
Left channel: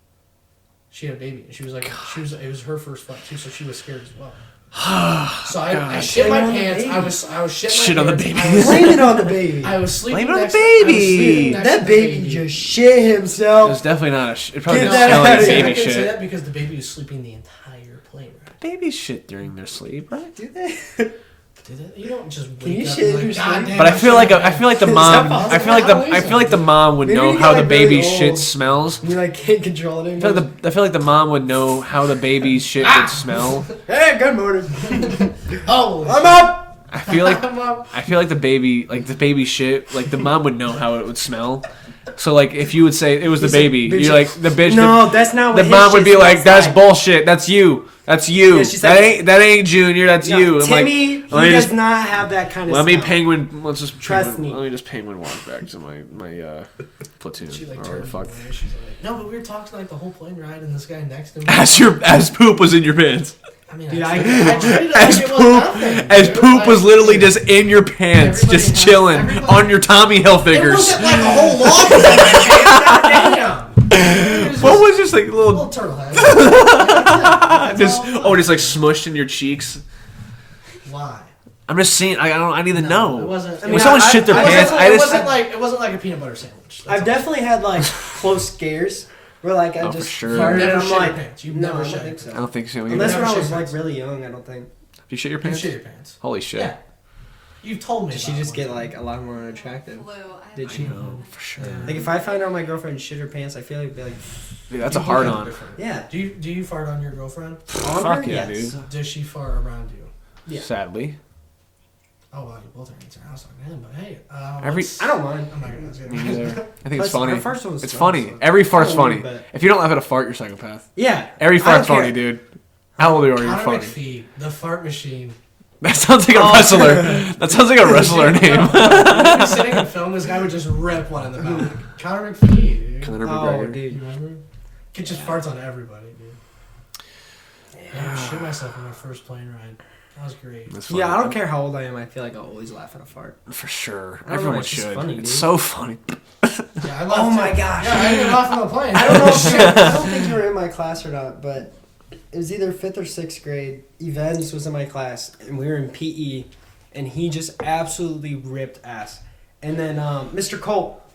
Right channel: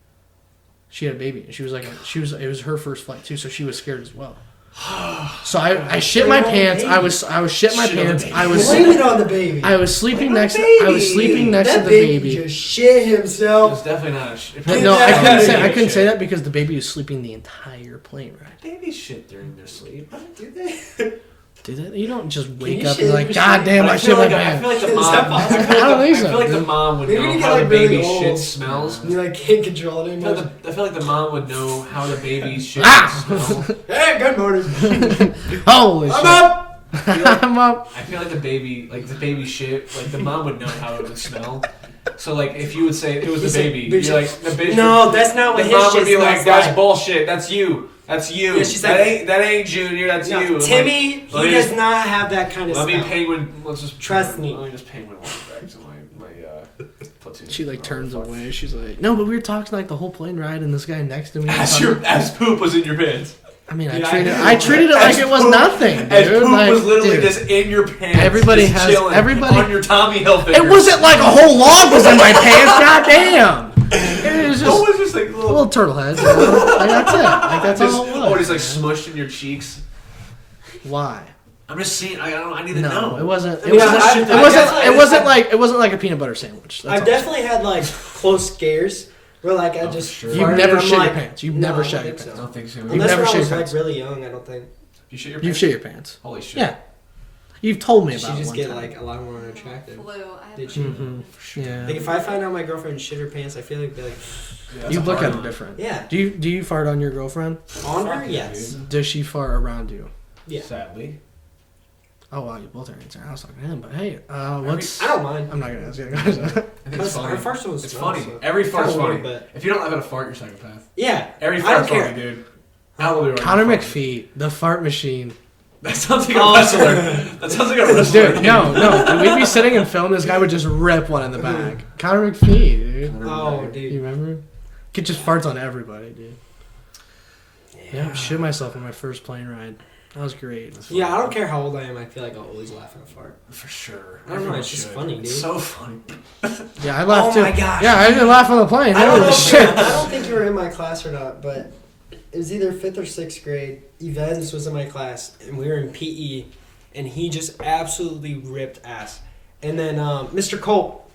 She had a baby, and she was like, it was her first flight too, so she was scared as well. So I shit my pants. I was shit my Shit on the pants. baby. I You was landed on the baby. I was sleeping Blame it on next. the I was baby. sleeping next that to the baby, baby. just shit It himself. was definitely not a shit. It Get No, that I out couldn't of say, here. I couldn't say shit. that because the baby was sleeping the entire plane ride. Babies shit during their sleep. Do they? You don't just you wake up shit and in like, your God shit? damn. But I feel like the Is mom. that possible? I feel like the mom would Maybe know you how get, the like, really baby's shit old. smells. You like can't control it anymore. I feel like the mom would know how the baby's shit would smell. Hey, good morning. Holy I'm shit. up. I feel like I'm up. I feel like the baby shit, like the mom would know how it would smell. So like if you would say it was the He's like, baby, bitch. you're like the bitch. No, that's not what The his mom would shit be like, smells "That's like. bullshit. That's you. That's you. Yeah, she's that like- ain't Junior. That's No, you." I'm Timmy, like, let he me does just- not have that kind of Let me smell. penguin. Let's just Trust me. Let me just penguin walk back to my platoon. She like Oh, turns fuck. away. She's like, no, but we were talking like the whole plane ride, and this guy next to me. was As poop was in your pants. I mean, Dude, I treated it like As it was poop- nothing. As dude. poop Like, was literally dude, just in your pants, Everybody just has- chilling everybody- on your Tommy Hilfigers. It wasn't like a whole log was in my pants. Goddamn. It was just What was just like a little? little turtle head. Like, that's it. Like, that's Just, all it was. just like smushed in your cheeks. Why? I'm just saying. I need to know. It wasn't. I It mean, wasn't. I- It I wasn't. definitely- It wasn't like a peanut butter sandwich. That's I've all. definitely had like close scares where like I Oh, just for sure. You've farted never and I'm shit your like, pants. You've no, never I shit don't your think pants. I don't think so. Unless never when I shit was your like pants. really young, I don't think. You shit your You pants? shit your pants. Holy shit. Yeah. You've told me She about it just one get time. like a lot more unattractive. Blue. I Did have she? Mhm. For sure. Yeah. Like if I find out my girlfriend shit her pants, I feel like it'd be like, Dude, that's you a look hard at it one. different. yeah. Do you fart on your girlfriend? On her, Fuck yeah, yes. dude. Does she fart around you? Yeah. Sadly. Oh wow, you both are answering. I was like, man, but hey, Every- what's... I don't mind. I'm not gonna ask you. I think it's Plus, funny. her first one was It's small, funny. so- Every fart's Oh, funny. but- If you don't laugh at a fart, you're a psychopath. Yeah. Every I fart's don't funny, care. dude. How old are you? Connor McPhee, the fart machine. That sounds like a Oh. wrestler. That sounds like a wrestler Dude, name. no. We'd be sitting and film. This guy would just rip one in the back. Connor McPhee, dude. Conor Oh, McGregor. dude. You remember? He just farts on everybody, dude. Yeah, I shit myself on my first plane ride. That was great. That's funny. Yeah, I don't care how old I am. I feel like I'll always laugh at a fart. For sure. I don't know, Everyone it's just should. funny, It's dude. so funny. Yeah, I laughed Oh too. my gosh. Yeah, I didn't laugh on the plane. I don't know. Shit. I don't think you were in my class or not, but it was either 5th or 6th grade. Evans was in my class, and we were in PE, and he just absolutely ripped ass. And then Mr. Colt,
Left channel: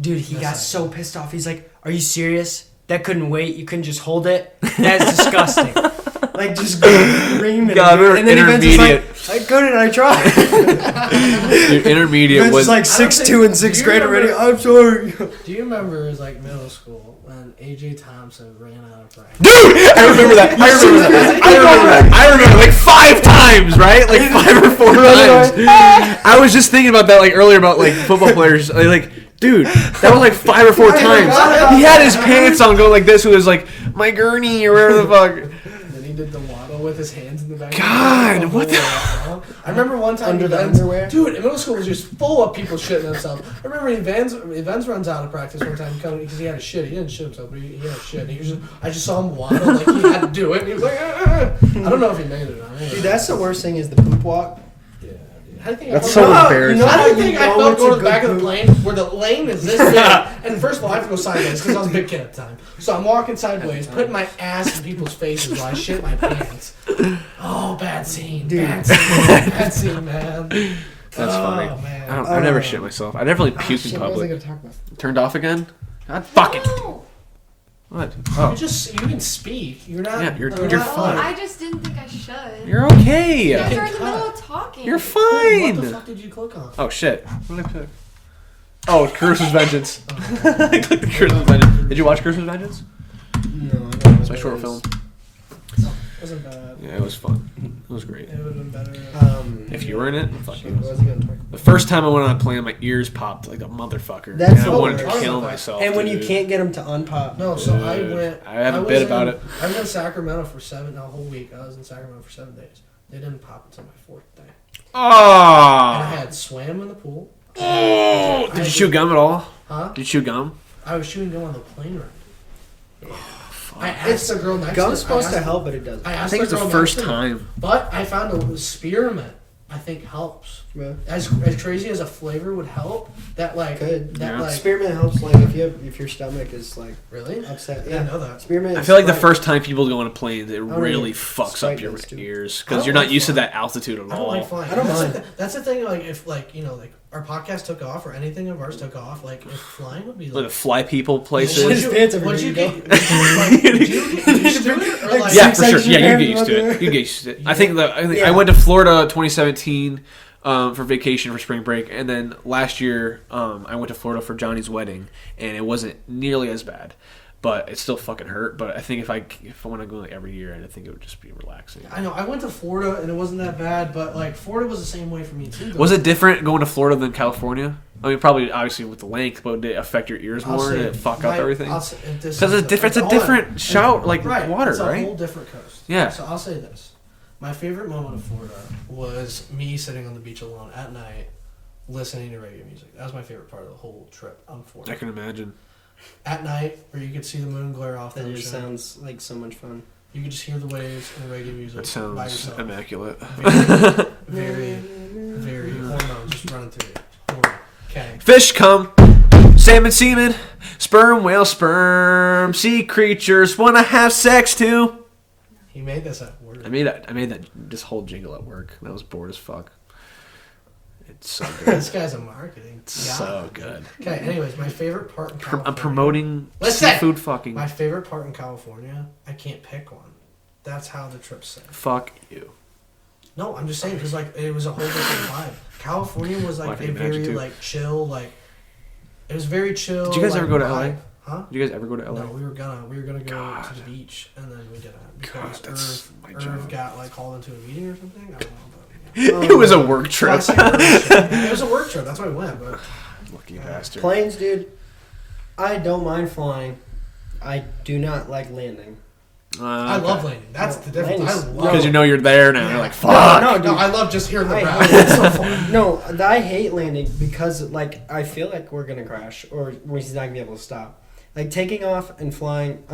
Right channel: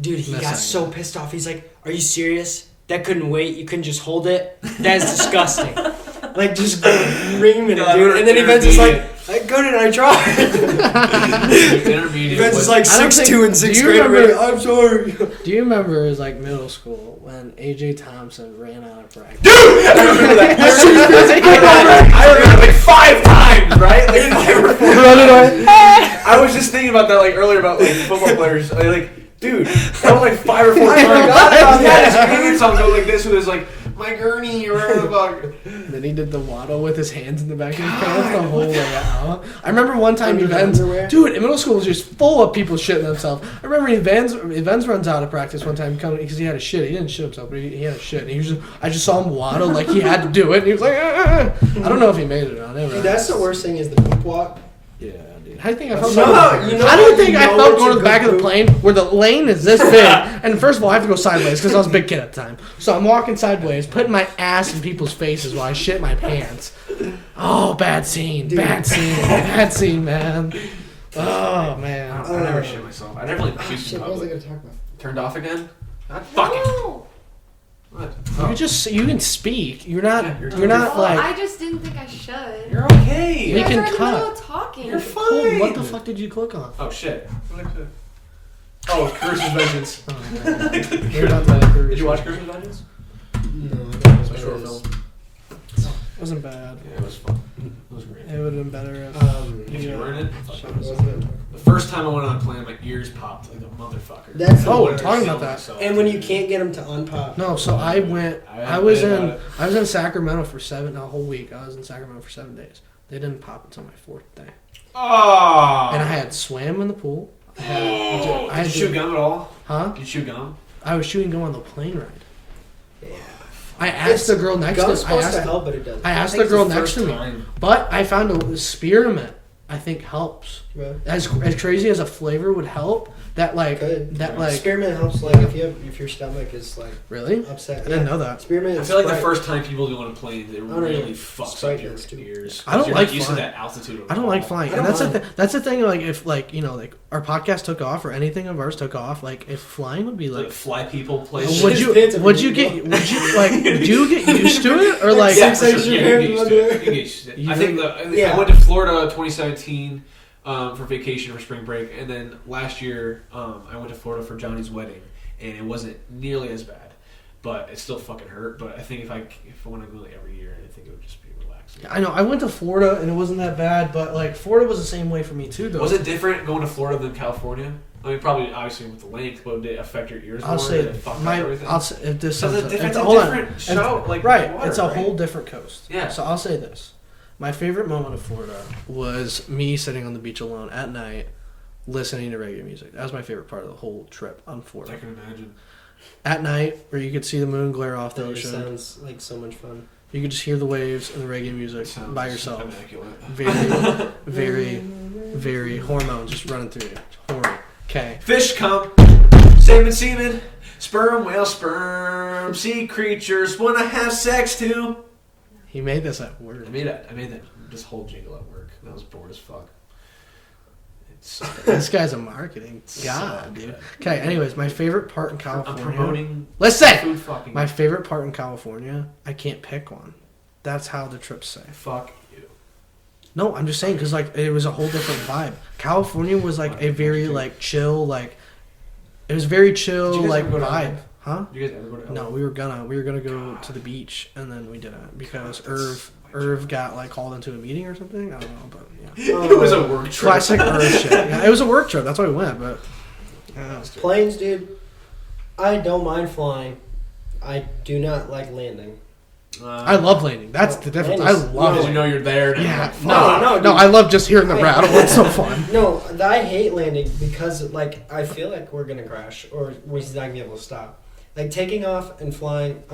dude, he That's got like- so pissed off. He's like, "Are you serious? That couldn't wait. You couldn't just hold it. That's disgusting." Like just screaming. God, dude. we were And then Evans was like, intermediate. "I couldn't. I tried." Your intermediate Evans was is like I don't 6'2" in think- 6th do you grade already. remember- I'm sorry. Do you remember it was like middle school when AJ Thompson ran out of practice? Dude, I remember that. I remember like 5 times, right? Like 5 or 4 times. I was just thinking about that like earlier about like football players. Like, dude, that was like 5 or 4 I times. forgot about He had his that. pants on go like this. It was like my gurney or whatever the fuck. Then he did the waddle with his hands in the back. God, of what the whole I remember one time Under the Evans, underwear? dude, in middle school was just full of people shitting themselves. I remember Evans runs out of practice one time because he had a shit. He didn't shit himself, but he had a shit. And he was just, I just saw him waddle like he had to do it. And he was like, I don't know if he made it or not. Dude, that's the worst thing is the poop walk. Yeah, dude. How do you think I That's felt? so How embarrassing. You know do you how think you I know felt it's going a to the back good of the poop? plane where the lane is this big? And first of all, I have to go sideways because I was a big kid at the time. So I'm walking sideways, putting my ass in people's faces while I shit my pants. Oh, bad scene. Bad scene. Bad scene, man. funny. Oh, man. I never shit myself. I never like puked in public. gonna talk about? Turned off again? God fucking. No. What? You can speak. You're not. Yeah, you're you're not Well, like. I just didn't think I should. You're okay. You You guys can are in the middle cut. of talking. You're Oh, fine. what the fuck did you click on? Oh shit. What did I click? Oh, Cruise's Vengeance. Oh, I clicked the Cruise's Vengeance. Did you watch Cruise's Vengeance? No, It's my short film. It wasn't bad. Yeah, it was fun. It was great. It would have been better if. If you were in it, fuck I it. was gonna talk The first time I went on a plane, my ears popped like a motherfucker. That's and I the wanted to worst. kill Talking about myself. And when you dude. can't get them to unpop. No, so I went. I had I a was bit about in. it. I was in Sacramento for a whole week. I was in Sacramento for 7 days. They didn't pop until my 4th day, Oh! and I had swam in the pool. I Did had you chew gum at all? Huh? Did you chew gum? I was shooting gum on the plane ride. Yeah. I asked the girl next to Gum's me. supposed to help, but it doesn't. I asked think the it's the girl next first to me, time. but I found a spearmint. I think helps. Yeah. As crazy as a flavor would help, that like Good. that Yeah. like Spearmint helps, like if your stomach is like really. upset. I didn't know that. Spearmint. I feel like the Sprite. first time people go on a plane, it Oh, really yeah. fucks Sprite up your does, too. ears I don't because you're like not used to flying. that altitude at all. I don't like flying. I And don't that's mind. the that's the thing. Like if like like our podcast took off or anything of ours took off, like if flying would be Like like. fly people places. Would you get used to it or like? Yeah, for sure. Section Yeah, you get of used to it. You get used to it. I think I went to Florida 2017 for vacation for spring break, and then last year I went to Florida for Johnny's wedding, and it wasn't nearly as bad, but it still fucking hurt. But I think if I want to go like every year, I think it would just be relaxing. I know I went to Florida and it wasn't that bad, but like Florida was the same way for me too. Though. Was it different going to Florida than California? I mean, probably obviously with the length, but did it affect your ears more? Did it fuck up everything? Because it's a different shout, like right, water, it's a right? whole different coast. Yeah. So I'll say this: my favorite moment of Florida was me sitting on the beach alone at night, listening to reggae music. That was my favorite part of the whole trip on Florida. I can imagine. At night, where you could see the moon glare off the That ocean. sounds like so much fun. You could just hear the waves and the reggae music It sounds by yourself. immaculate. Very hormones just running through you. Hormone. Okay. Fish come, salmon semen, sperm whale sperm, sea creatures wanna have sex too. He made this at work. I made that this whole jingle at work. I was bored as fuck. It's so This guy's a marketing so god. good. Okay, anyways, my favorite part in California. I'm promoting Listen! food fucking. My favorite part in California, I can't pick one. That's how the trip's say. Fuck you. No, I'm just saying because like it was a whole different vibe. California was like Fucking a very magic. like chill, like it was very chill. Did you guys like, ever go to vibe. LA? Huh? Did you guys ever go to LA? No, we were gonna go God. to the beach and then we didn't because God, that's my Irv job. got like called into a meeting or something. I don't know, but It was a work trip. classic Irv shit. Yeah, it was a work trip. That's why we went. But Fucking bastard. Planes, dude. I don't mind flying. I do not like landing. I love landing. That's the difference. I Landing's- love because you know you're there now. Yeah. Like, fuck. No, I love just hearing the I- rap. It's so fun. No, I hate landing because like I feel like we're gonna crash or we're not gonna be able to stop. Like taking off and flying,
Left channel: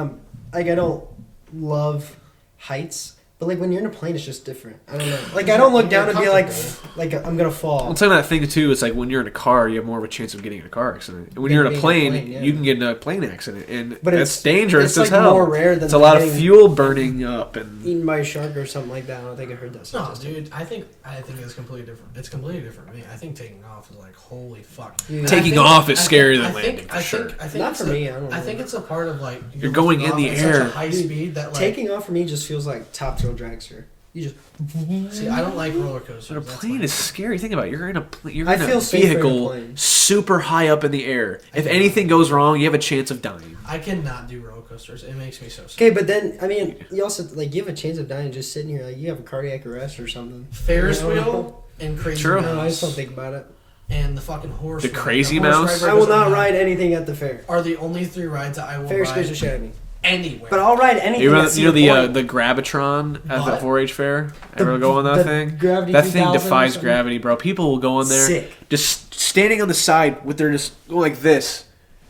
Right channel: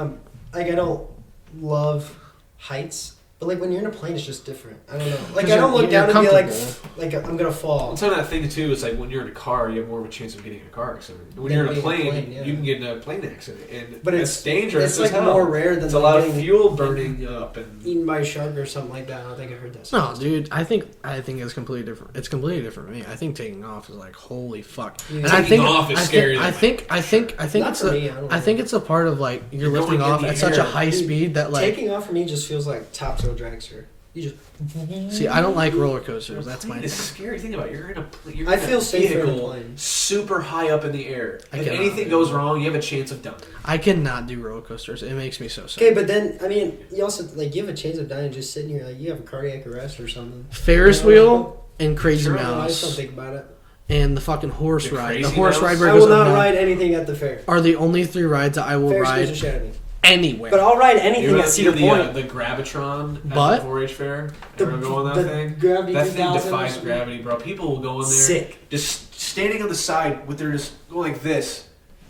like I don't love heights, but like when you're in a plane, it's just different. I don't know. Like I don't look You're down and be like comfortable. I'm gonna fall. Well, some of that thing too is like when you're in a car, you have more of a chance of getting in a car accident. And when you're in a Being plane, yeah. you can get in a plane accident, and But it's dangerous It's as like hell. more rare than It's a lot of getting fuel burning up, and eaten by a shark or something like that. I don't think I heard that. No, dude, I think it's completely different. It's completely different for me. I think taking off is like holy fuck. Yeah. And I Taking think- off is I scarier think- than I think Not it's for me, I don't I think know. it's a part of like You're lifting going in off the at such a air. high speed that like Taking off for me just feels like top tail dragster. You just see I don't like roller a coasters. That's plane my is scary. Think about it. You're in a you're I in feel a safer in a vehicle plane. super high up in the air. I If cannot. anything goes wrong, you have a chance of dying. I cannot do roller coasters. It makes me so sick. okay, but then I mean, you also like you have a chance of dying just sitting here. Like you have a cardiac arrest or something. Ferris wheel and Crazy True. I just don't Mouse think about it. and the fucking horse The ride. Crazy the horse Mouse? ride where I it will goes not up ride anything at the fair. are the only 3 rides that I will Fair scares the ride shit out of me. anywhere. But I'll ride anything You at know Cedar the Point. the Gravitron at But- the 4-H fair? Ever go on that the thing? Gravity That thing 2000 or defies something? gravity, bro. People will go in there, Sick. just standing on the side with their just go like this.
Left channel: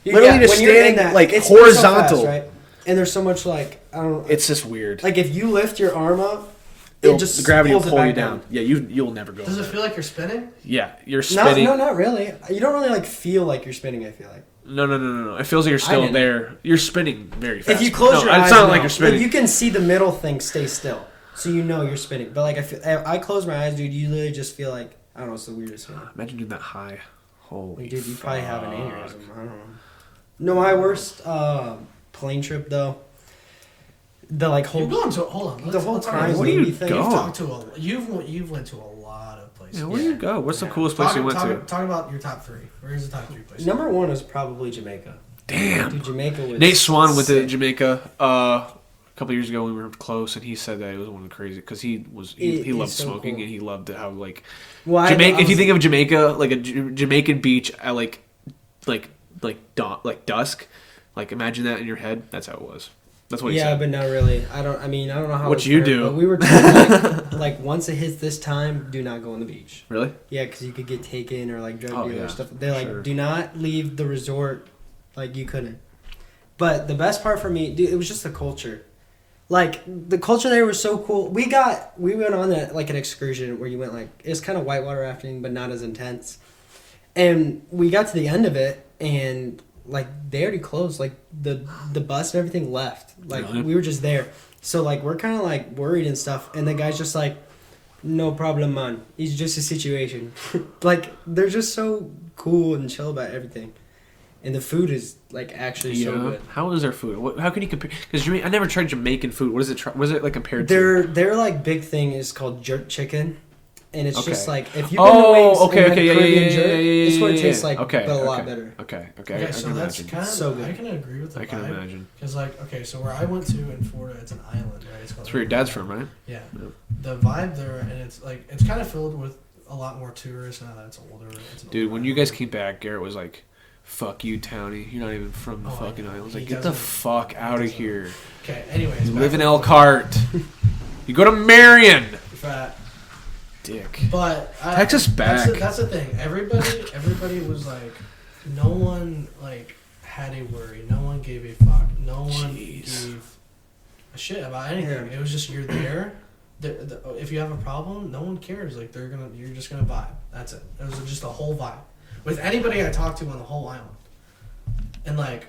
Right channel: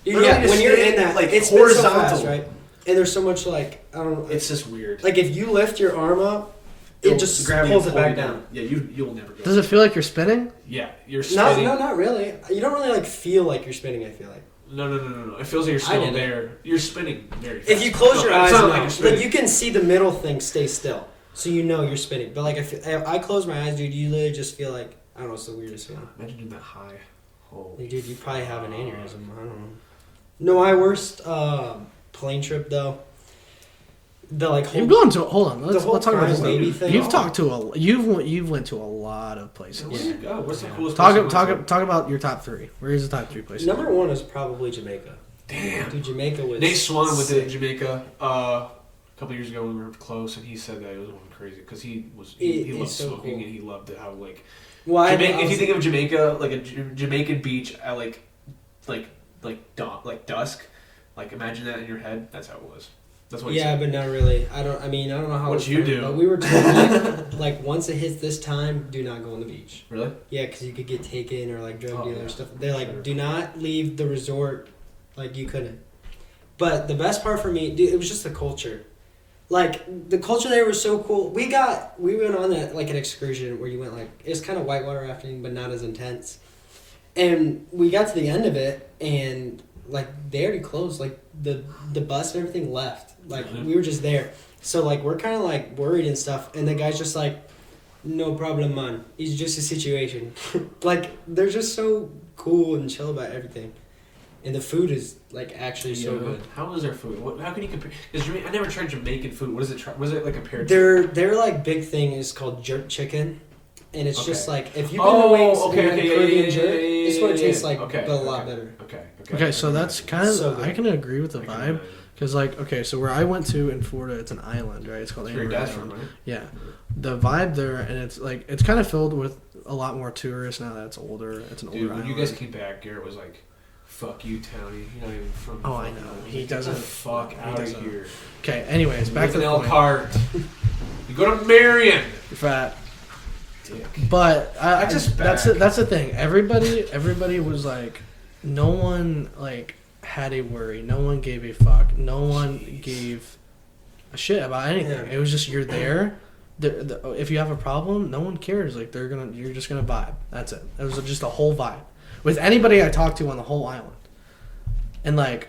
Dude, Literally yeah, just when you're in standing, that, like, it's horizontal, so horizontal. fast, right? And there's so much like I don't know. It's just weird. Like if you lift your arm up, It'll- it just the gravity pulls will it pull you back down. Yeah, you'll never go. Does it feel like you're spinning? Yeah, you're No, spinning. not really. You don't really like feel like you're spinning. I feel like No. It feels like you're I still didn't. there. You're spinning very fast. if you close your eyes, it's not no. like you're spinning. Like you can see the middle thing stay still, so you know you're spinning. But like if I close my eyes, dude, you literally just feel like I don't know. It's the weirdest feeling. Imagine doing that high. Holy Like, dude, you probably have an fuck. aneurysm. I don't know. No, my worst plane trip though. The like whole You've gone to hold on. Let's whole talk about crime this. baby You've thing. talked to you've went to a lot of places. Yeah, where do you go? What's the coolest place you Talk, went to? talk about your top 3. Where's the top 3 places? number one is probably Jamaica. Damn. Dude, Jamaica was Nate Swan went to sick. Jamaica a couple years ago when we were close, and he said that it was one of the crazy because he It loved is so smoking cool. and he loved how like Well, Jamaica. I If you was- think of Jamaica like a Jamaican beach at like dusk, like imagine that in your head. That's how it was. That's what he yeah, said. but not really. I don't know how. What it's you fair, do. But we were told like once it hits this time, do not go on the beach. Really? Yeah, because you could get taken or like drug Oh, deal yeah. or stuff. They're like, Sure. do not leave the resort. Like you couldn't. But the best part for me, dude, it was just the culture. Like the culture there was so cool. We went on like an excursion where you went like it's kind of whitewater rafting, but not as intense. And we got to the end of it, and like they already closed. Like the bus and everything left. Like Really? we were just there. So like we're kind of like worried and stuff. And the guy's just like, no problem, man. It's just a situation. Like, they're just so cool and chill about everything. And the food is, like, actually so good. How is their food? How can you compare? Because I never tried Jamaican food. What is it? Was it like compared to? Their like big thing is called jerk chicken, and it's just like if you've been to wings and Caribbean jerk, it's what it tastes like, but a lot better. Okay, so that's kind of so I can agree with the vibe because like so where I went to in Florida, it's an island, right? It's called. That's where your dad's from, right? Yeah, the vibe there, and it's kind of filled with a lot more tourists now that it's older. Dude, when you guys came back, Garrett was like, "Fuck you, Townie. You're not even from the fucking island." I was like, "Get the fuck out of here." Okay, anyways, you live in Elkhart. You go to Marion. Fat dick. But Texas back. That's the thing. Everybody was like, no one like had a worry. No one gave a fuck. No one gave a shit about anything. Yeah. It was just you're there. If you have a problem, no one cares. Like you're just gonna vibe. That's it. It was just a whole vibe with anybody I talked to on the whole island. And like,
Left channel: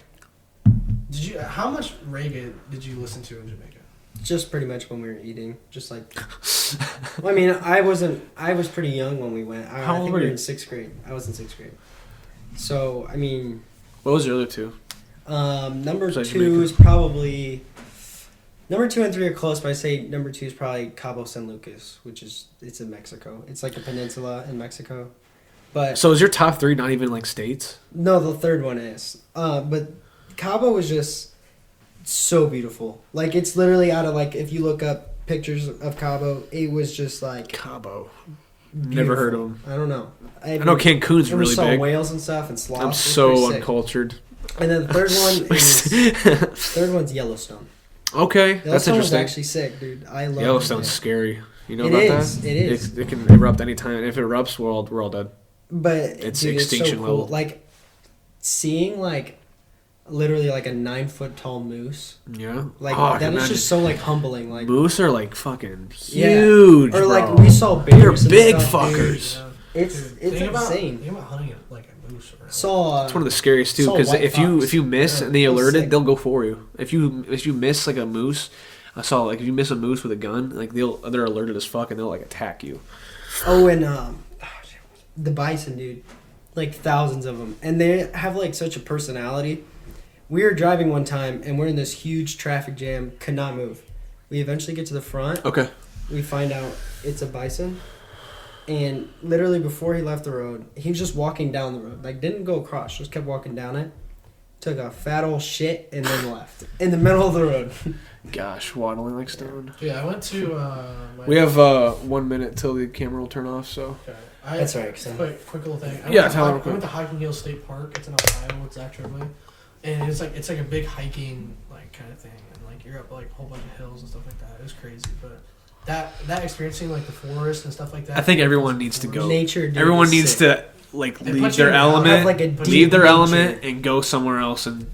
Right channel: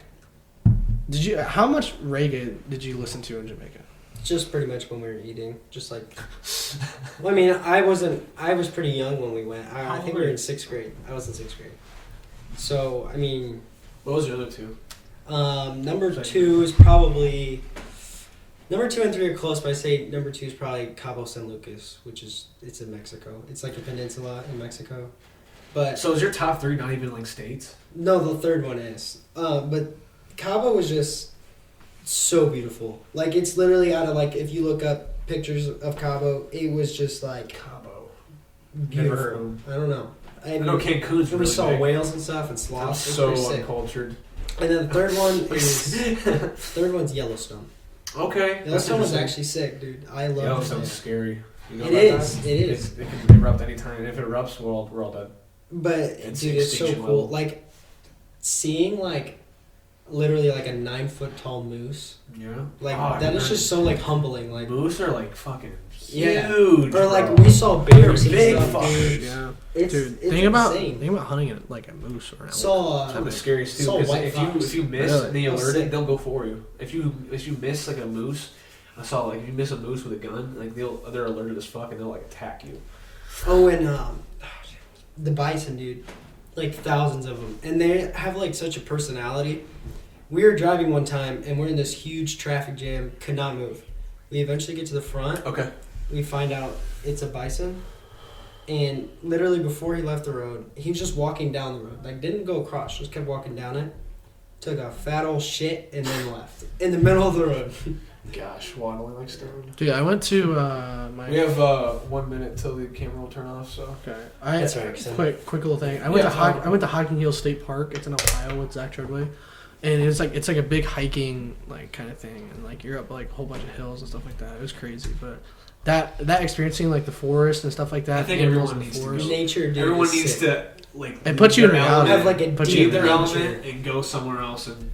how much reggae did you listen to in Jamaica? Just pretty much when we were eating, just like. Well, I mean, I was pretty young when we went. I think we were in 6th grade. I was in 6th grade. So I mean. What was your other two? Number 2 is probably. Number 2 and 3 are close, but I say number 2 is probably Cabo San Lucas, it's in Mexico. It's like a peninsula in Mexico. But so is your top 3 not even like states? No, the third one is. But Cabo was just so beautiful. Like, it's literally out of, like, if you look up pictures of Cabo, it was just like Cabo. Beautiful. Never heard of them. I don't know. I know Cancun's really saw big. whales and stuff and sloths. I'm so uncultured. And then the third one is one's Yellowstone. Okay, that's interesting. Yellowstone's actually sick, dude. I love Yellowstone's scary. You know it about is, that? It is. It can erupt anytime. If it erupts, we're all dead. But it's dude, extinction it's so cool. level. Like seeing like literally like a 9-foot tall moose. Yeah. Like that is just so like humbling. Like moose are like fucking yeah. huge. Or like bro. we saw bears. They're big stuff, fuckers. Yeah. It's think insane. about hunting it like a moose or it's one of the scariest too, because if you miss and they alerted, they'll go for you. If you miss like a moose, I saw like if you miss a moose with a gun, like they're alerted as fuck and they'll like attack you. Oh, and the bison, dude, like thousands of them, and they have like such a personality. We were driving one time and we're in this huge traffic jam, could not move. We eventually get to the front. Okay. We find out it's a bison. And literally before he left the road, he was just walking down the road. Like, didn't go across, just kept walking down it. Took a fat old shit and then left. In the middle of the road. Gosh, waddling like stone. Dude, I went to we have 1 minute till the camera will turn off, so. Okay. That's right. Quick little thing. I went to Hiking Hill State Park. It's in Ohio with Zach Tremblay. And it's like a big hiking like kind of thing. And like you're up like a whole bunch of hills and stuff like that. It was crazy. But that experiencing like the forest and stuff like that. I think everyone needs to go. Nature. Everyone needs to like and leave their element, leave their element, nature. and go somewhere else. And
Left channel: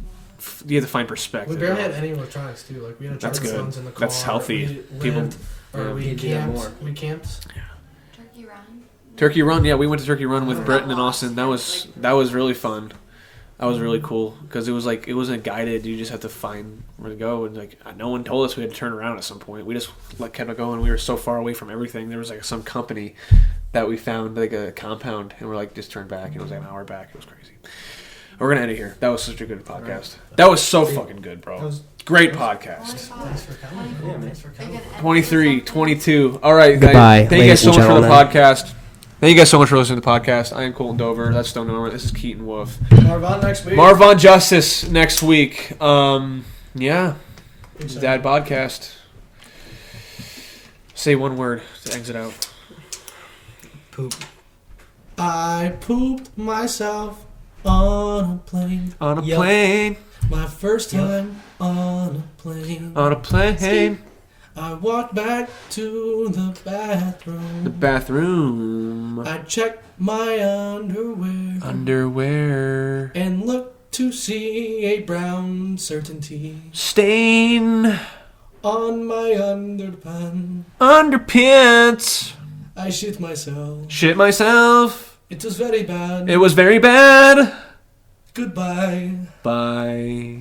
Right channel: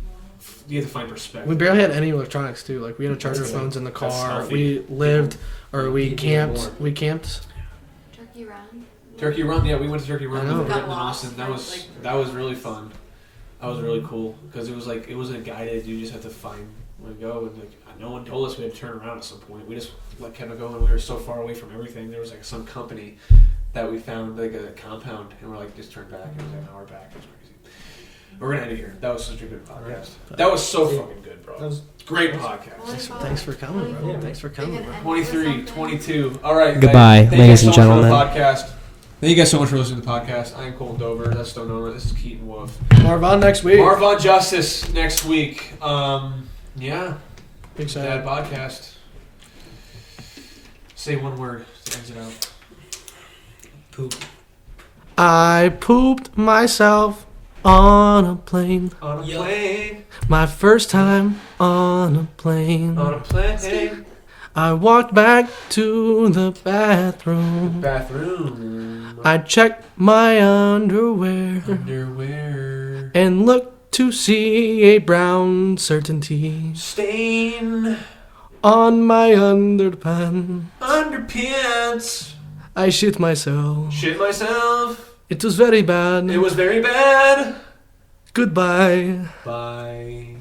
you have to find perspective. We barely had any electronics too. Like we had charge our phones in the car. That's healthy. We lived we camped. We camped. Turkey Run. Turkey Run, yeah, we went to Turkey Run with Britton and Austin. That was really fun. That was really cool because it wasn't guided. You just have to find where to go, and like no one told us we had to turn around at some point. We just kept going. We were so far away from everything. There was like some company that we found like a compound, and we're like just turned back. It was like an hour back. It was crazy. We're gonna end it here. That was such a good podcast. That was so fucking good, bro. That was great podcast. Thanks for coming. Bro. Thanks for coming. 23, 22. All right, goodbye, guys. Thank you ladies guys so and much gentlemen. for the podcast. Thank you guys so much for listening to the podcast. I am Koleton Dover. That's Stone Norman. This is Keaton Wolfe. Marvon next week. Marvon Justice next week. Yeah. Excited. Dad Bodcast. Say one word to exit out. Poop. I pooped myself on a plane. On a Yep. plane. My first time on a plane. On a plane. I walked back to the bathroom. The bathroom. I checked my underwear. Underwear. And looked to see a brown certainty Stain. on my underpants. Underpants. I shit myself. Shit myself. It was very bad. It was very bad. Goodbye. Bye.